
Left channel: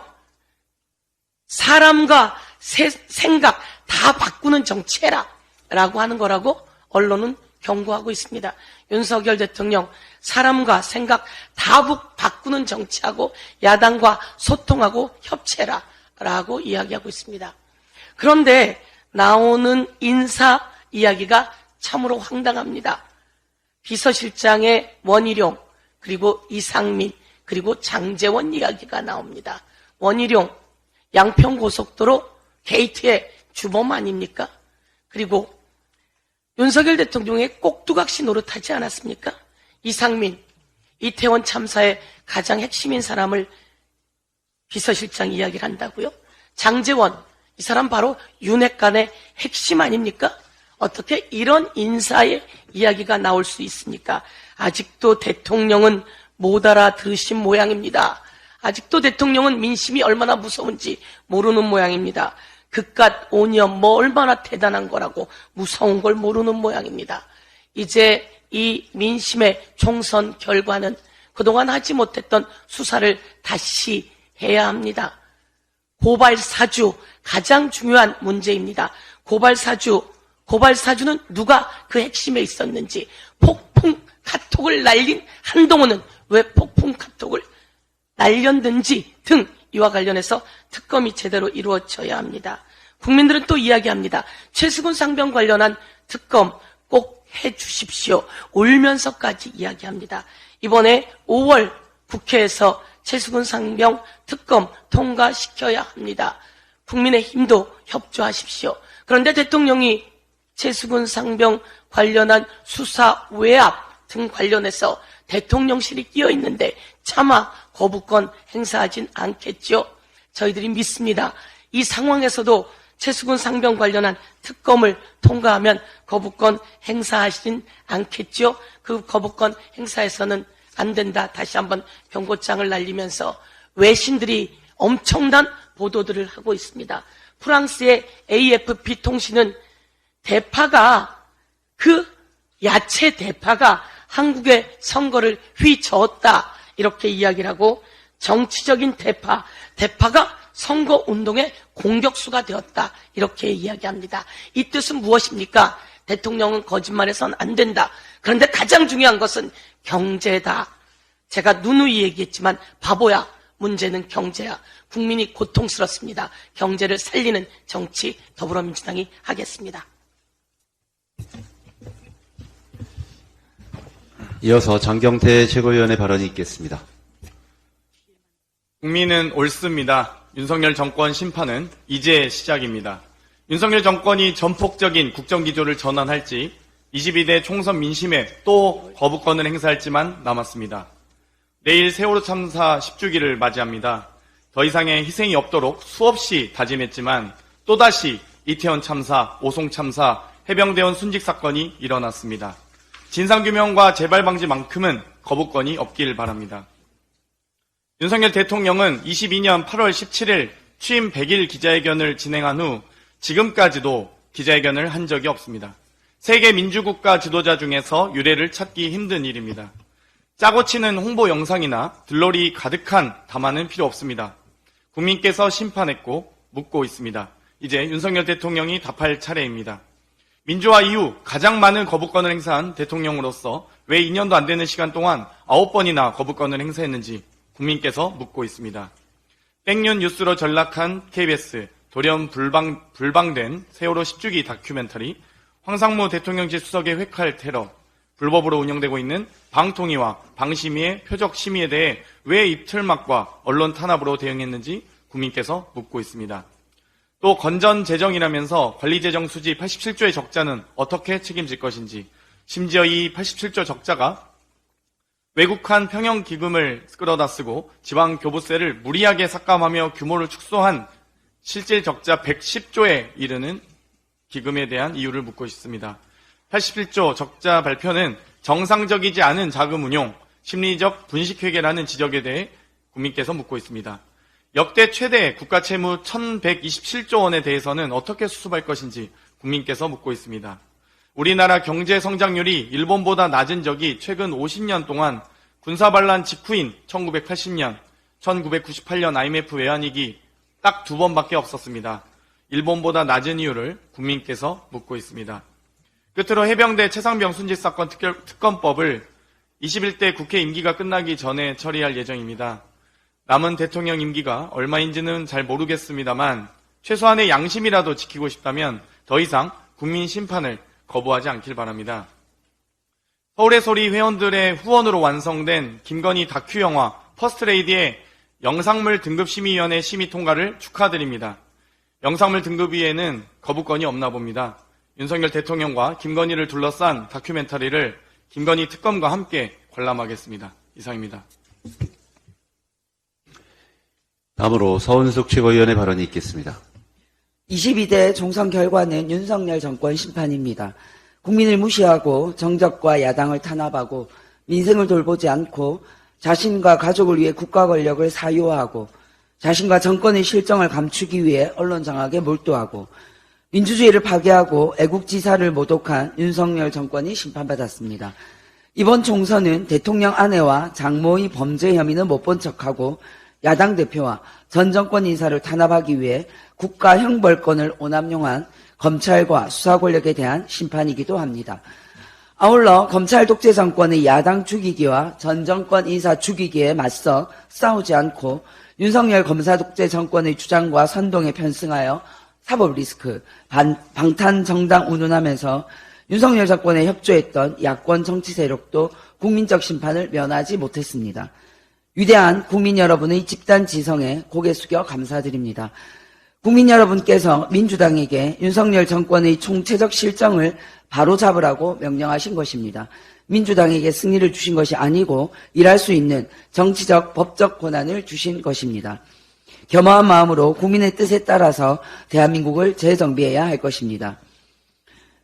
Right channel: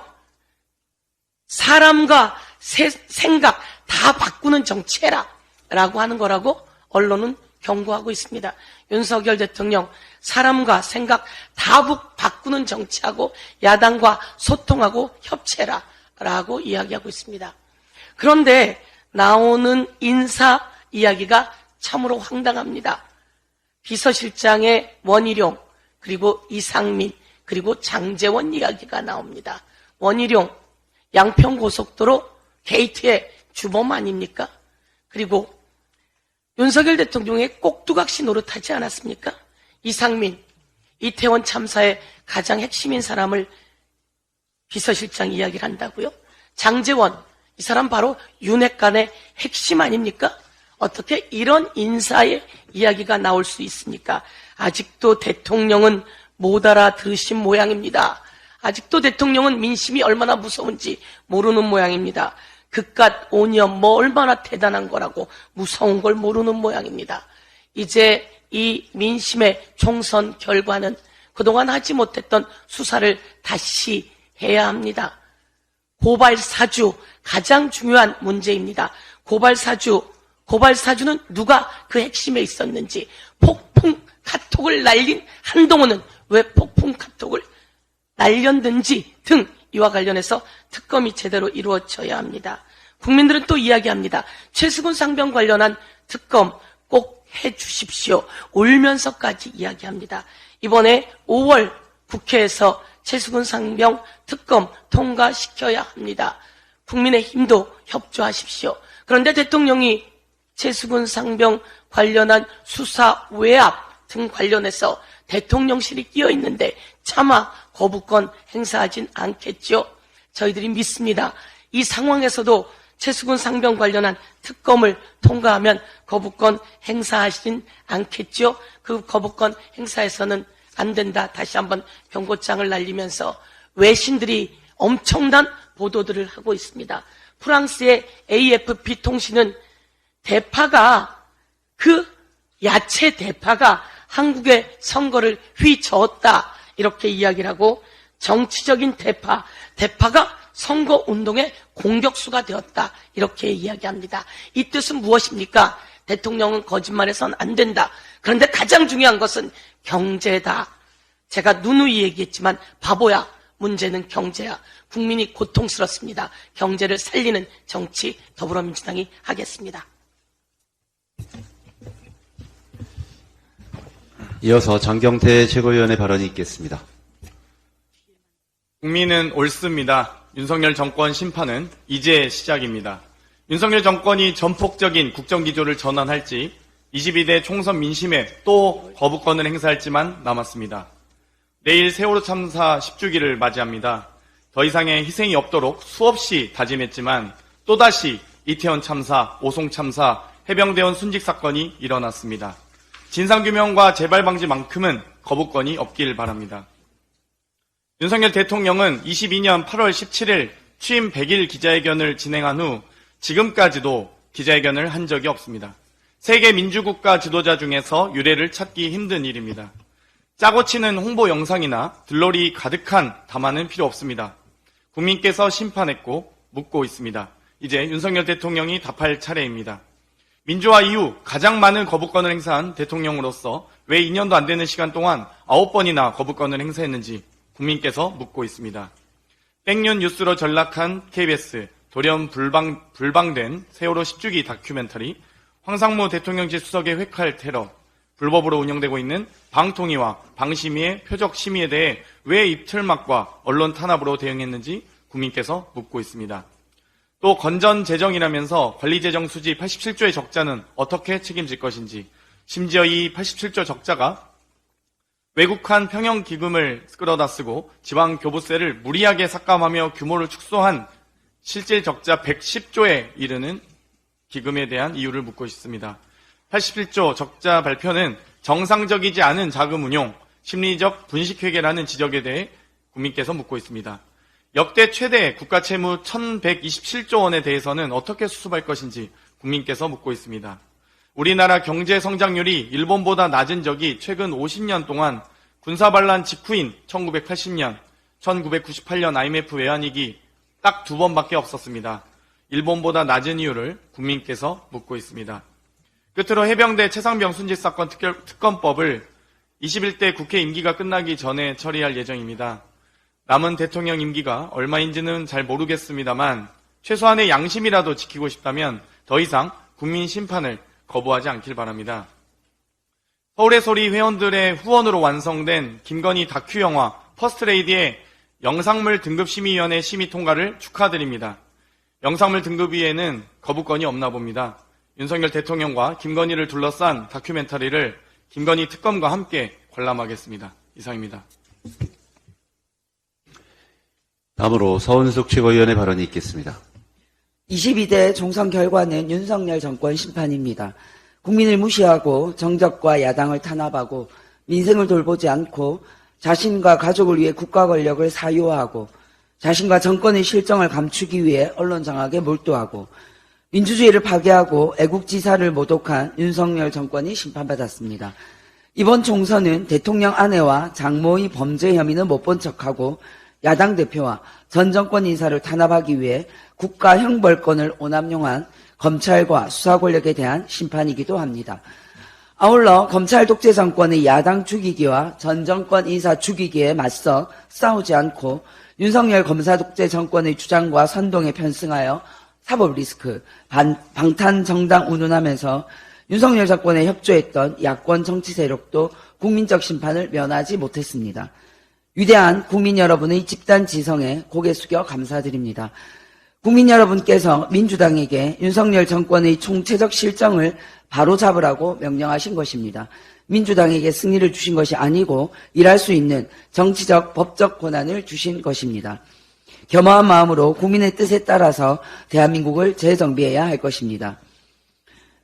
사람과 생각 다 바꾸는 정치해라 라고 하는 거라고 언론은 경고하고 있습니다. 윤석열 대통령 사람과 생각 다 바꾸는 정치하고 야당과 소통하고 협치해라 라고 이야기하고 있습니다. 그런데 나오는 인사 이야기가 참으로 황당합니다. 비서실장의 원희룡, 그리고 이상민, 그리고 장제원 이야기가 나옵니다. 원희룡, 양평고속도로 게이트의 주범 아닙니까? 그리고 윤석열 대통령의 꼭두각시 노릇하지 않았습니까? 이상민, 이태원 참사의 가장 핵심인 사람을 비서실장 이야기를 한다고요? 장제원, 이 사람 바로 윤핵관의 핵심 아닙니까? 어떻게 이런 인사의 이야기가 나올 수 있습니까? 아직도 대통령은 못 알아들으신 모양입니다. 아직도 대통령은 민심이 얼마나 무서운지 모르는 모양입니다. 그깟 오년 뭐 얼마나 대단한 거라고 무서운 걸 모르는 모양입니다. 이제 이 민심의 총선 결과는 그동안 하지 못했던 수사를 다시 해야 합니다. 고발 사주, 가장 중요한 문제입니다. 고발 사주는 누가 그 핵심에 있었는지, 폭풍 카톡을 날린 한동훈은 왜 폭풍 카톡을 날렸는지 등 이와 관련해서 특검이 제대로 이루어져야 합니다. 국민들은 또 이야기합니다. 최수근 상병 관련한 특검 꼭 해주십시오. 울면서까지 이야기합니다. 이번에 5월 국회에서 최수근 상병 특검 통과시켜야 합니다. 국민의힘도 협조하십시오. 그런데 대통령이 최수근 상병 관련한 수사 외압 등 관련해서 대통령실이 끼어 있는데 차마 거부권 행사하진 않겠죠. 저희들이 믿습니다. 이 상황에서도 최수근 상병 관련한 특검을 통과하면 거부권 행사하진 않겠죠. 그 거부권 행사에서는 안 된다. 다시 한번 경고장을 날리면서 외신들이 엄청난 보도들을 하고 있습니다. 프랑스의 AFP 통신은 야채 대파가 한국의 선거를 휘저었다. 이렇게 이야기를 하고 정치적인 대파가 선거운동의 공격수가 되었다. 이렇게 이야기합니다. 이 뜻은 무엇입니까? 대통령은 거짓말해서는 안 된다. 그런데 가장 중요한 것은 경제다. 제가 누누이 얘기했지만 바보야. 문제는 경제야. 국민이 고통스럽습니다. 경제를 살리는 정치 더불어민주당이 하겠습니다. 이어서 장경태 최고위원의 발언이 있겠습니다. 국민은 옳습니다. 윤석열 정권 심판은 이제 시작입니다. 윤석열 정권이 전폭적인 국정기조를 전환할지 22대 총선 민심에 또 거부권을 행사할지만 남았습니다. 내일 세월호 참사 10주기를 맞이합니다. 더 이상의 희생이 없도록 수없이 다짐했지만 또다시 이태원 참사, 오송 참사, 해병대원 순직 사건이 일어났습니다. 진상규명과 재발방지만큼은 거부권이 없길 바랍니다. 윤석열 대통령은 22년 8월 17일 취임 100일 기자회견을 진행한 후 지금까지도 기자회견을 한 적이 없습니다. 세계 민주국가 지도자 중에서 유례를 찾기 힘든 일입니다. 짜고 치는 홍보 영상이나 글로리 가득한 담화는 필요 없습니다. 국민께서 심판했고 묻고 있습니다. 이제 윤석열 대통령이 답할 차례입니다. 민주화 이후 가장 많은 거부권을 행사한 대통령으로서 왜 2년도 안 되는 시간 동안 9번이나 거부권을 행사했는지 국민께서 묻고 있습니다. 백년 뉴스로 전락한 KBS, 돌연 불방된 세월호 10주기 다큐멘터리, 황선홍 대통령 주석의 흑할 테러, 불법으로 운영되고 있는 방통위와 방심위의 표적 심의에 대해 왜 입틀막과 언론 탄압으로 대응했는지 국민께서 묻고 있습니다. 또 건전 재정이라면서 관리재정 수지 87조의 적자는 어떻게 책임질 것인지, 심지어 이 87조 적자가 외국한 평형기금을 끌어다 쓰고 지방교부세를 무리하게 삭감하며 규모를 축소한 실질 적자 110조에 이르는 기금에 대한 이유를 묻고 있습니다. 81조 적자 발표는 정상적이지 않은 자금 운용, 심리적 분식회계라는 지적에 대해 국민께서 묻고 있습니다. 역대 최대 국가채무 1127조 원에 대해서는 어떻게 수습할 것인지 국민께서 묻고 있습니다. 우리나라 경제 성장률이 일본보다 낮은 적이 최근 50년 동안 군사반란 직후인 1980년, 1998년 IMF 외환위기 딱 2번밖에 없었습니다. 일본보다 낮은 이유를 국민께서 묻고 있습니다. 끝으로 해병대 최상병 순직 사건 특검법을 21대 국회 임기가 끝나기 전에 처리할 예정입니다. 남은 대통령 임기가 얼마인지는 잘 모르겠습니다만 최소한의 양심이라도 지키고 싶다면 더 이상 국민 심판을 거부하지 않길 바랍니다. 서울의 소리 회원들의 후원으로 완성된 김건희 다큐 영화 퍼스트레이디의 영상물 등급심의위원회 심의 통과를 축하드립니다. 영상물 등급위에는 거부권이 없나 봅니다. 윤석열 대통령과 김건희를 둘러싼 다큐멘터리를 김건희 특검과 함께 관람하겠습니다. 이상입니다. 다음으로 서원석 최고위원의 발언이 있겠습니다. 22대 총선 결과는 윤석열 정권 심판입니다. 국민을 무시하고 정적과 야당을 탄압하고 민생을 돌보지 않고 자신과 가족을 위해 국가 권력을 사유화하고 자신과 정권의 실정을 감추기 위해 언론 장악에 몰두하고 민주주의를 파괴하고 애국지사를 모독한 윤석열 정권이 심판받았습니다. 이번 총선은 대통령 아내와 장모의 범죄 혐의는 못 본 척하고 야당 대표와 전 정권 인사를 탄압하기 위해 국가 형벌권을 오남용한 검찰과 수사 권력에 대한 심판이기도 합니다. 아울러 검찰 독재 정권의 야당 죽이기와 전 정권 인사 죽이기에 맞서 싸우지 않고 윤석열 검사 독재 정권의 주장과 선동에 편승하여 사법 리스크, 방탄 정당 운운하면서 윤석열 정권에 협조했던 야권 정치 세력도 국민적 심판을 면하지 못했습니다. 위대한 국민 여러분의 집단 지성에 고개 숙여 감사드립니다. 국민 여러분께서 민주당에게 윤석열 정권의 총체적 실정을 바로잡으라고 명령하신 것입니다. 민주당에게 승리를 주신 것이 아니고 일할 수 있는 정치적, 법적 권한을 주신 것입니다. 겸허한 마음으로 국민의 뜻에 따라서 대한민국을 재정비해야 할 것입니다.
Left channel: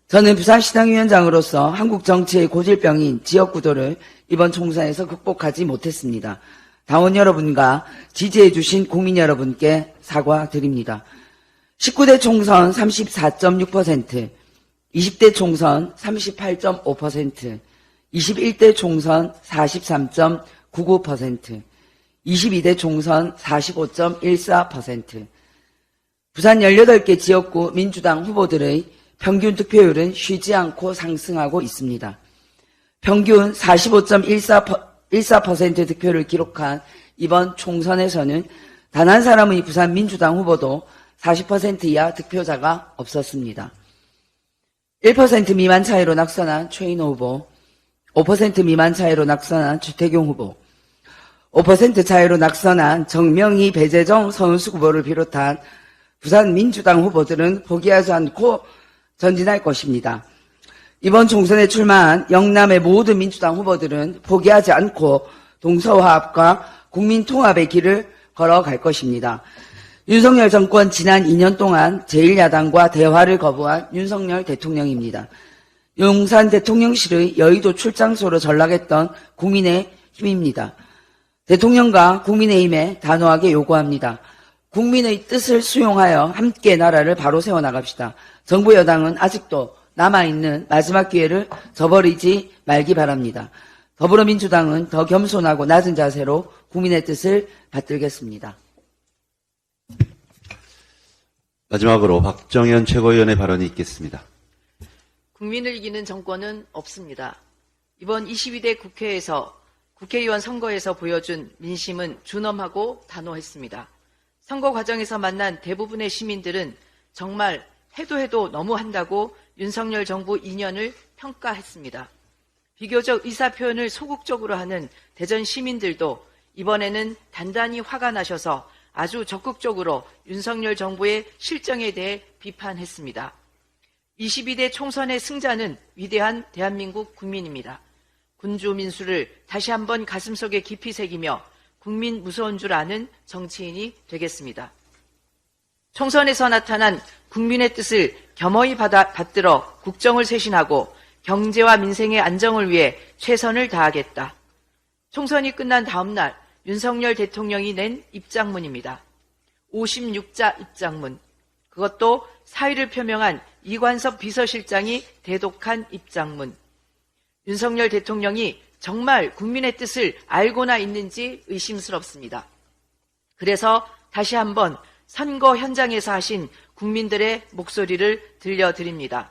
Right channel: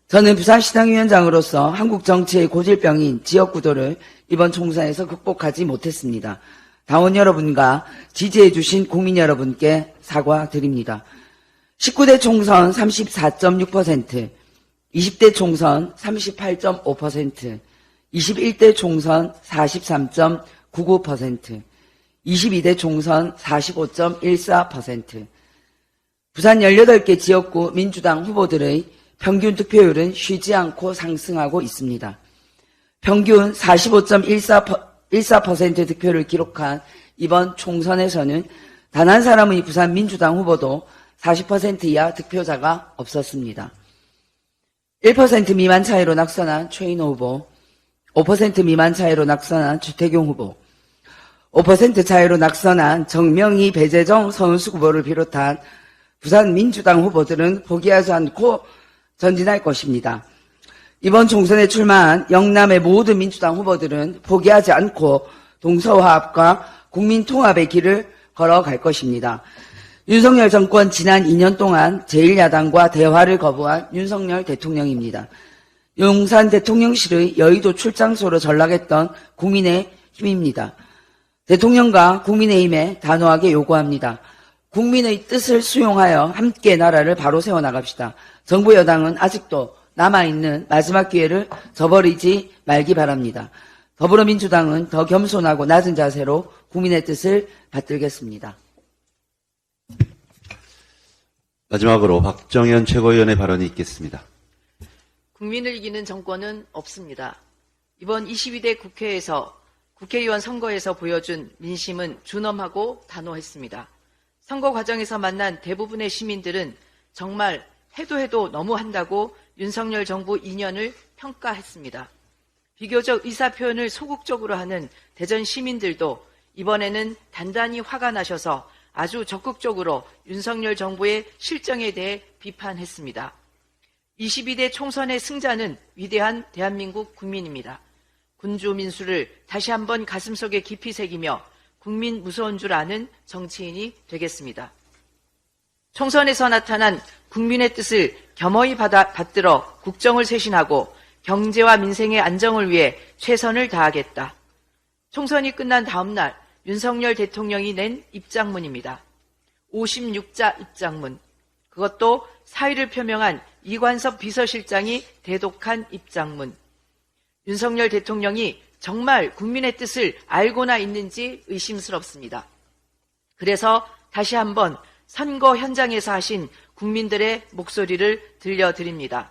저는 부산시당위원장으로서 한국 정치의 고질병인 지역구도를 이번 총선에서 극복하지 못했습니다. 당원 여러분과 지지해 주신 국민 여러분께 사과드립니다. 19대 총선 34.6%, 20대 총선 38.5%, 21대 총선 43.99%, 22대 총선 45.14%. 부산 18개 지역구 민주당 후보들의 평균 득표율은 쉬지 않고 상승하고 있습니다. 평균 45.14% 득표를 기록한 이번 총선에서는 단 한 사람의 부산 민주당 후보도 40% 이하 득표자가 없었습니다. 1% 미만 차이로 낙선한 최인호 후보, 5% 미만 차이로 낙선한 주태경 후보, 5% 차이로 낙선한 정명희, 배재정, 서은숙 후보를 비롯한 부산 민주당 후보들은 포기하지 않고 전진할 것입니다. 이번 총선에 출마한 영남의 모든 민주당 후보들은 포기하지 않고 동서화합과 국민통합의 길을 걸어갈 것입니다. 윤석열 정권 지난 2년 동안 제1야당과 대화를 거부한 윤석열 대통령입니다. 용산 대통령실의 여의도 출장소로 전락했던 국민의힘입니다. 대통령과 국민의힘에 단호하게 요구합니다. 국민의 뜻을 수용하여 함께 나라를 바로 세워나갑시다. 정부 여당은 아직도 남아있는 마지막 기회를 저버리지 말기 바랍니다. 더불어민주당은 더 겸손하고 낮은 자세로 국민의 뜻을 받들겠습니다. 마지막으로 박정현 최고위원의 발언이 있겠습니다. 국민을 이기는 정권은 없습니다. 이번 22대 국회에서 국회의원 선거에서 보여준 민심은 준엄하고 단호했습니다. 선거 과정에서 만난 대부분의 시민들은 정말 해도 너무한다고 윤석열 정부 2년을 평가했습니다. 비교적 의사표현을 소극적으로 하는 대전 시민들도 이번에는 단단히 화가 나셔서 아주 적극적으로 윤석열 정부의 실정에 대해 비판했습니다. 22대 총선의 승자는 위대한 대한민국 국민입니다. 군주 민수를 다시 한번 가슴속에 깊이 새기며 국민 무서운 줄 아는 정치인이 되겠습니다. 총선에서 나타난 국민의 뜻을 겸허히 받들어 국정을 쇄신하고 경제와 민생의 안정을 위해 최선을 다하겠다. 총선이 끝난 다음 날 윤석열 대통령이 낸 입장문입니다. 56자 입장문. 그것도 사의를 표명한 이관섭 비서실장이 대독한 입장문. 윤석열 대통령이 정말 국민의 뜻을 알고나 있는지 의심스럽습니다. 그래서 다시 한번 선거 현장에서 하신 국민들의 목소리를 들려드립니다.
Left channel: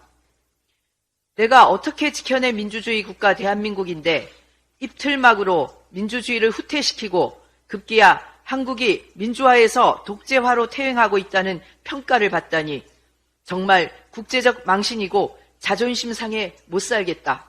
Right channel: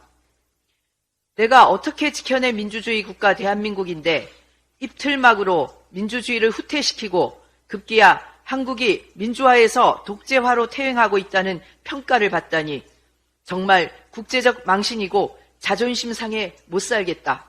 내가 어떻게 지켜낸 민주주의 국가 대한민국인데 입틀막으로 민주주의를 후퇴시키고 급기야 한국이 민주화에서 독재화로 퇴행하고 있다는 평가를 받다니 정말 국제적 망신이고 자존심 상해 못 살겠다.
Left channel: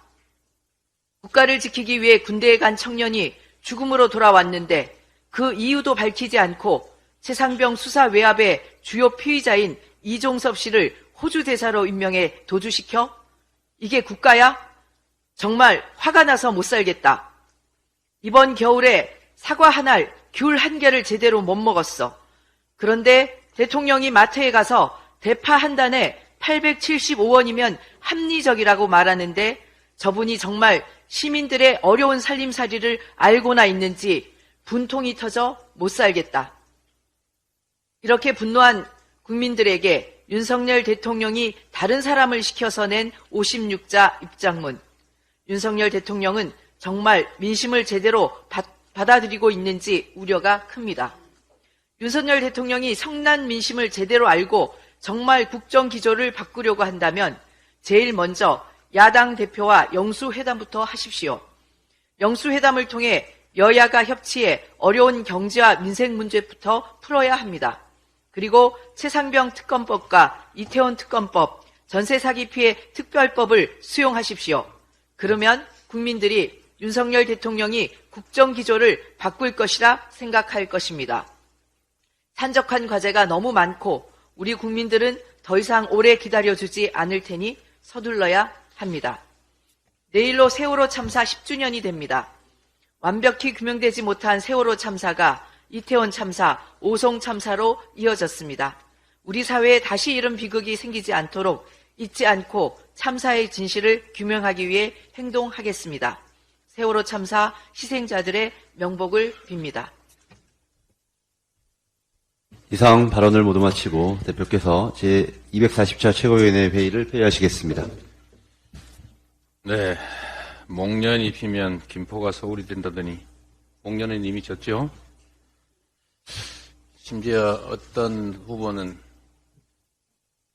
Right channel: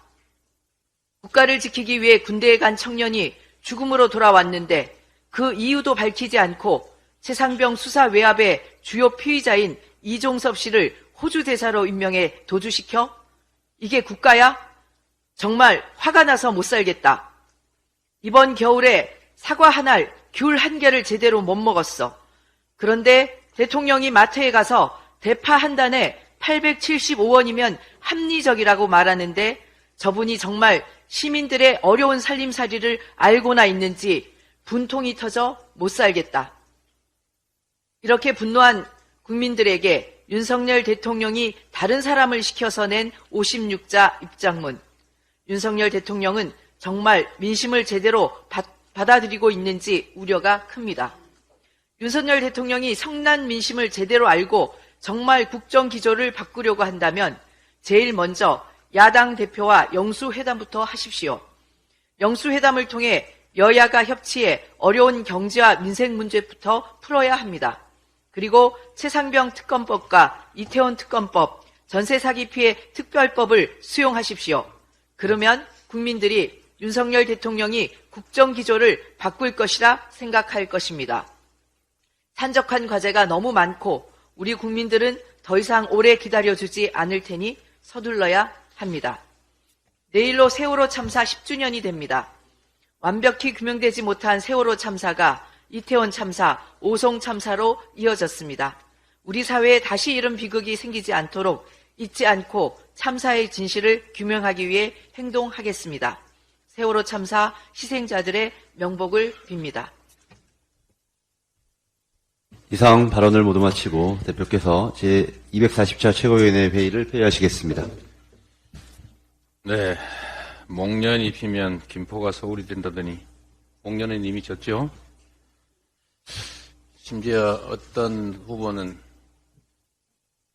국가를 지키기 위해 군대에 간 청년이 죽음으로 돌아왔는데 그 이유도 밝히지 않고 최상병 수사 외압의 주요 피의자인 이종섭 씨를 호주 대사로 임명해 도주시켜? 이게 국가야? 정말 화가 나서 못 살겠다. 이번 겨울에 사과 한 알, 귤 한 개를 제대로 못 먹었어. 그런데 대통령이 마트에 가서 대파 한 단에 875원이면 합리적이라고 말하는데 저분이 정말 시민들의 어려운 살림살이를 알고나 있는지 분통이 터져 못 살겠다. 이렇게 분노한 국민들에게 윤석열 대통령이 다른 사람을 시켜서 낸 56자 입장문. 윤석열 대통령은 정말 민심을 제대로 받아들이고 있는지 우려가 큽니다. 윤석열 대통령이 성난 민심을 제대로 알고 정말 국정 기조를 바꾸려고 한다면 제일 먼저 야당 대표와 영수회담부터 하십시오. 영수회담을 통해 여야가 협치해 어려운 경제와 민생 문제부터 풀어야 합니다. 그리고 최상병 특검법과 이태원 특검법, 전세 사기 피해 특별법을 수용하십시오. 그러면 국민들이 윤석열 대통령이 국정 기조를 바꿀 것이라 생각할 것입니다. 산적한 과제가 너무 많고 우리 국민들은 더 이상 오래 기다려주지 않을 테니 서둘러야 합니다. 내일로 세월호 참사 10주년이 됩니다. 완벽히 규명되지 못한 세월호 참사가 이태원 참사, 오송 참사로 이어졌습니다. 우리 사회에 다시 이런 비극이 생기지 않도록 잊지 않고 참사의 진실을 규명하기 위해 행동하겠습니다. 세월호 참사 희생자들의 명복을 빕니다. 이상 발언을 모두 마치고 대표께서 제240차 최고위원회 회의를 폐회하시겠습니다. 네. 목련이 피면 김포가 서울이 된다더니 목련은 이미 졌죠? 심지어 어떤 후보는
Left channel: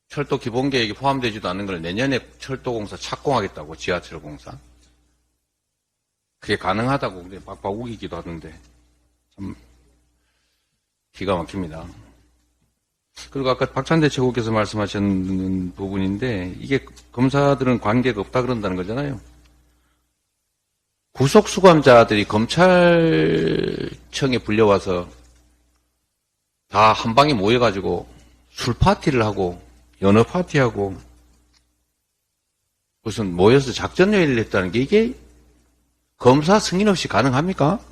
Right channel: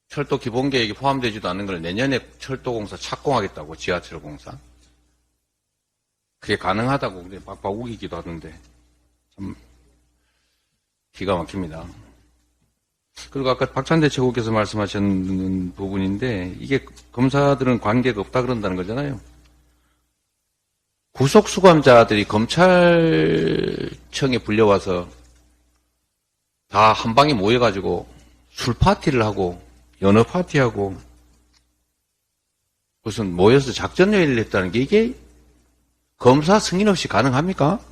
철도 기본계획에 포함되지도 않는 걸 내년에 철도공사 착공하겠다고, 지하철공사. 그게 가능하다고 박박 우기기도 하는데 참 기가 막힙니다. 그리고 아까 박찬대 최고께서 말씀하셨는 부분인데 이게 검사들은 관계가 없다 그런다는 거잖아요. 구속수감자들이 검찰청에 불려와서 다 한 방에 모여가지고 술 파티를 하고 연어 파티하고 무슨 모여서 작전 회의를 했다는 게 이게 검사 승인 없이 가능합니까?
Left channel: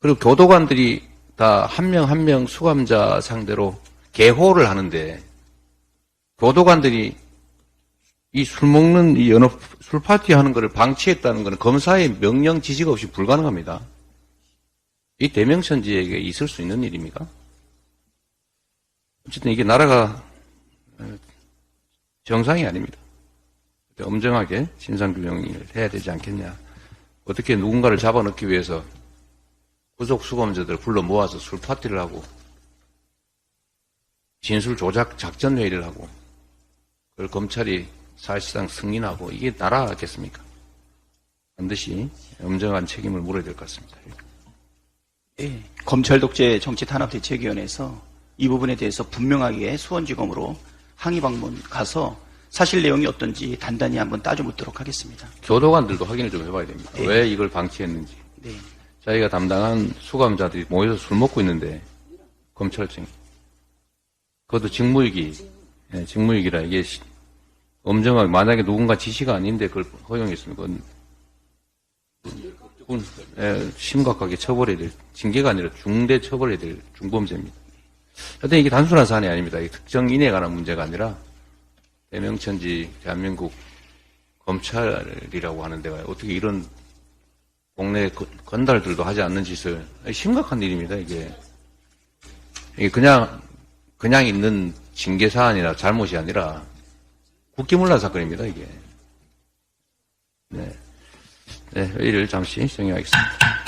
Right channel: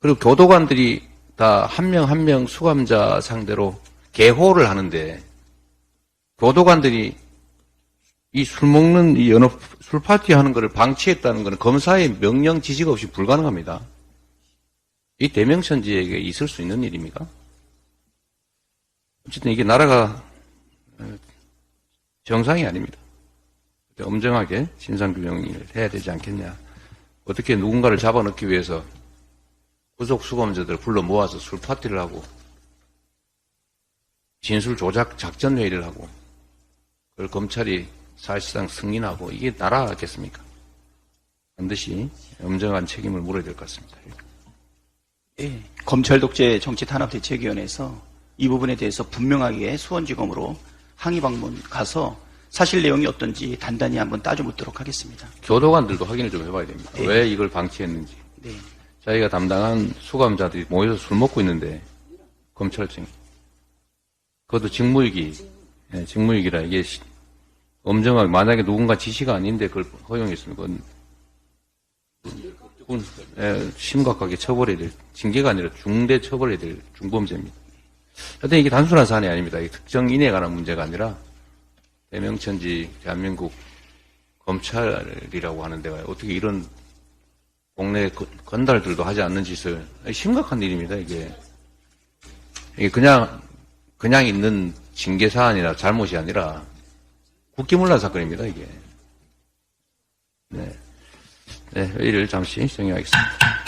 그리고 교도관들이 다 한 명 한 명 수감자 상대로 개호를 하는데 교도관들이 이 술 먹는 이 연어 술 파티 하는 것을 방치했다는 것은 검사의 명령 지시가 없이 불가능합니다. 이 대명천지에게 있을 수 있는 일입니까? 어쨌든 이게 나라가 정상이 아닙니다. 엄정하게 진상규명을 해야 되지 않겠냐. 어떻게 누군가를 잡아넣기 위해서 구속수감자들 불러 모아서 술 파티를 하고 진술 조작 작전 회의를 하고 그걸 검찰이 사실상 승인하고 이게 나라겠습니까? 반드시 엄정한 책임을 물어야 될 것 같습니다. 네, 검찰 독재 정치탄압대책위원회에서 이 부분에 대해서 분명하게 수원지검으로 항의 방문 가서 사실 내용이 어떤지 단단히 한번 따져보도록 하겠습니다. 교도관들도 확인을 좀 해봐야 됩니다. 네. 왜 이걸 방치했는지. 네. 자기가 담당한 수감자들이 모여서 술 먹고 있는데 검찰청이 그것도 직무유기, 네, 직무유기라 이게 엄정하게 만약에 누군가 지시가 아닌데 그걸 허용했으면 그건 심각하게 처벌해야 될 징계가 아니라 중대 처벌해야 될 중범죄입니다. 하여튼 이게 단순한 사안이 아닙니다. 이 특정인에 관한 문제가 아니라 대명천지 대한민국 검찰이라고 하는 데가 어떻게 이런 동네 건달들도 하지 않는 짓을 심각한 일입니다. 이게 그냥 있는 징계 사안이나 잘못이 아니라 국기문란 사건입니다. 이게. 네, 회의를 잠시 정리하겠습니다.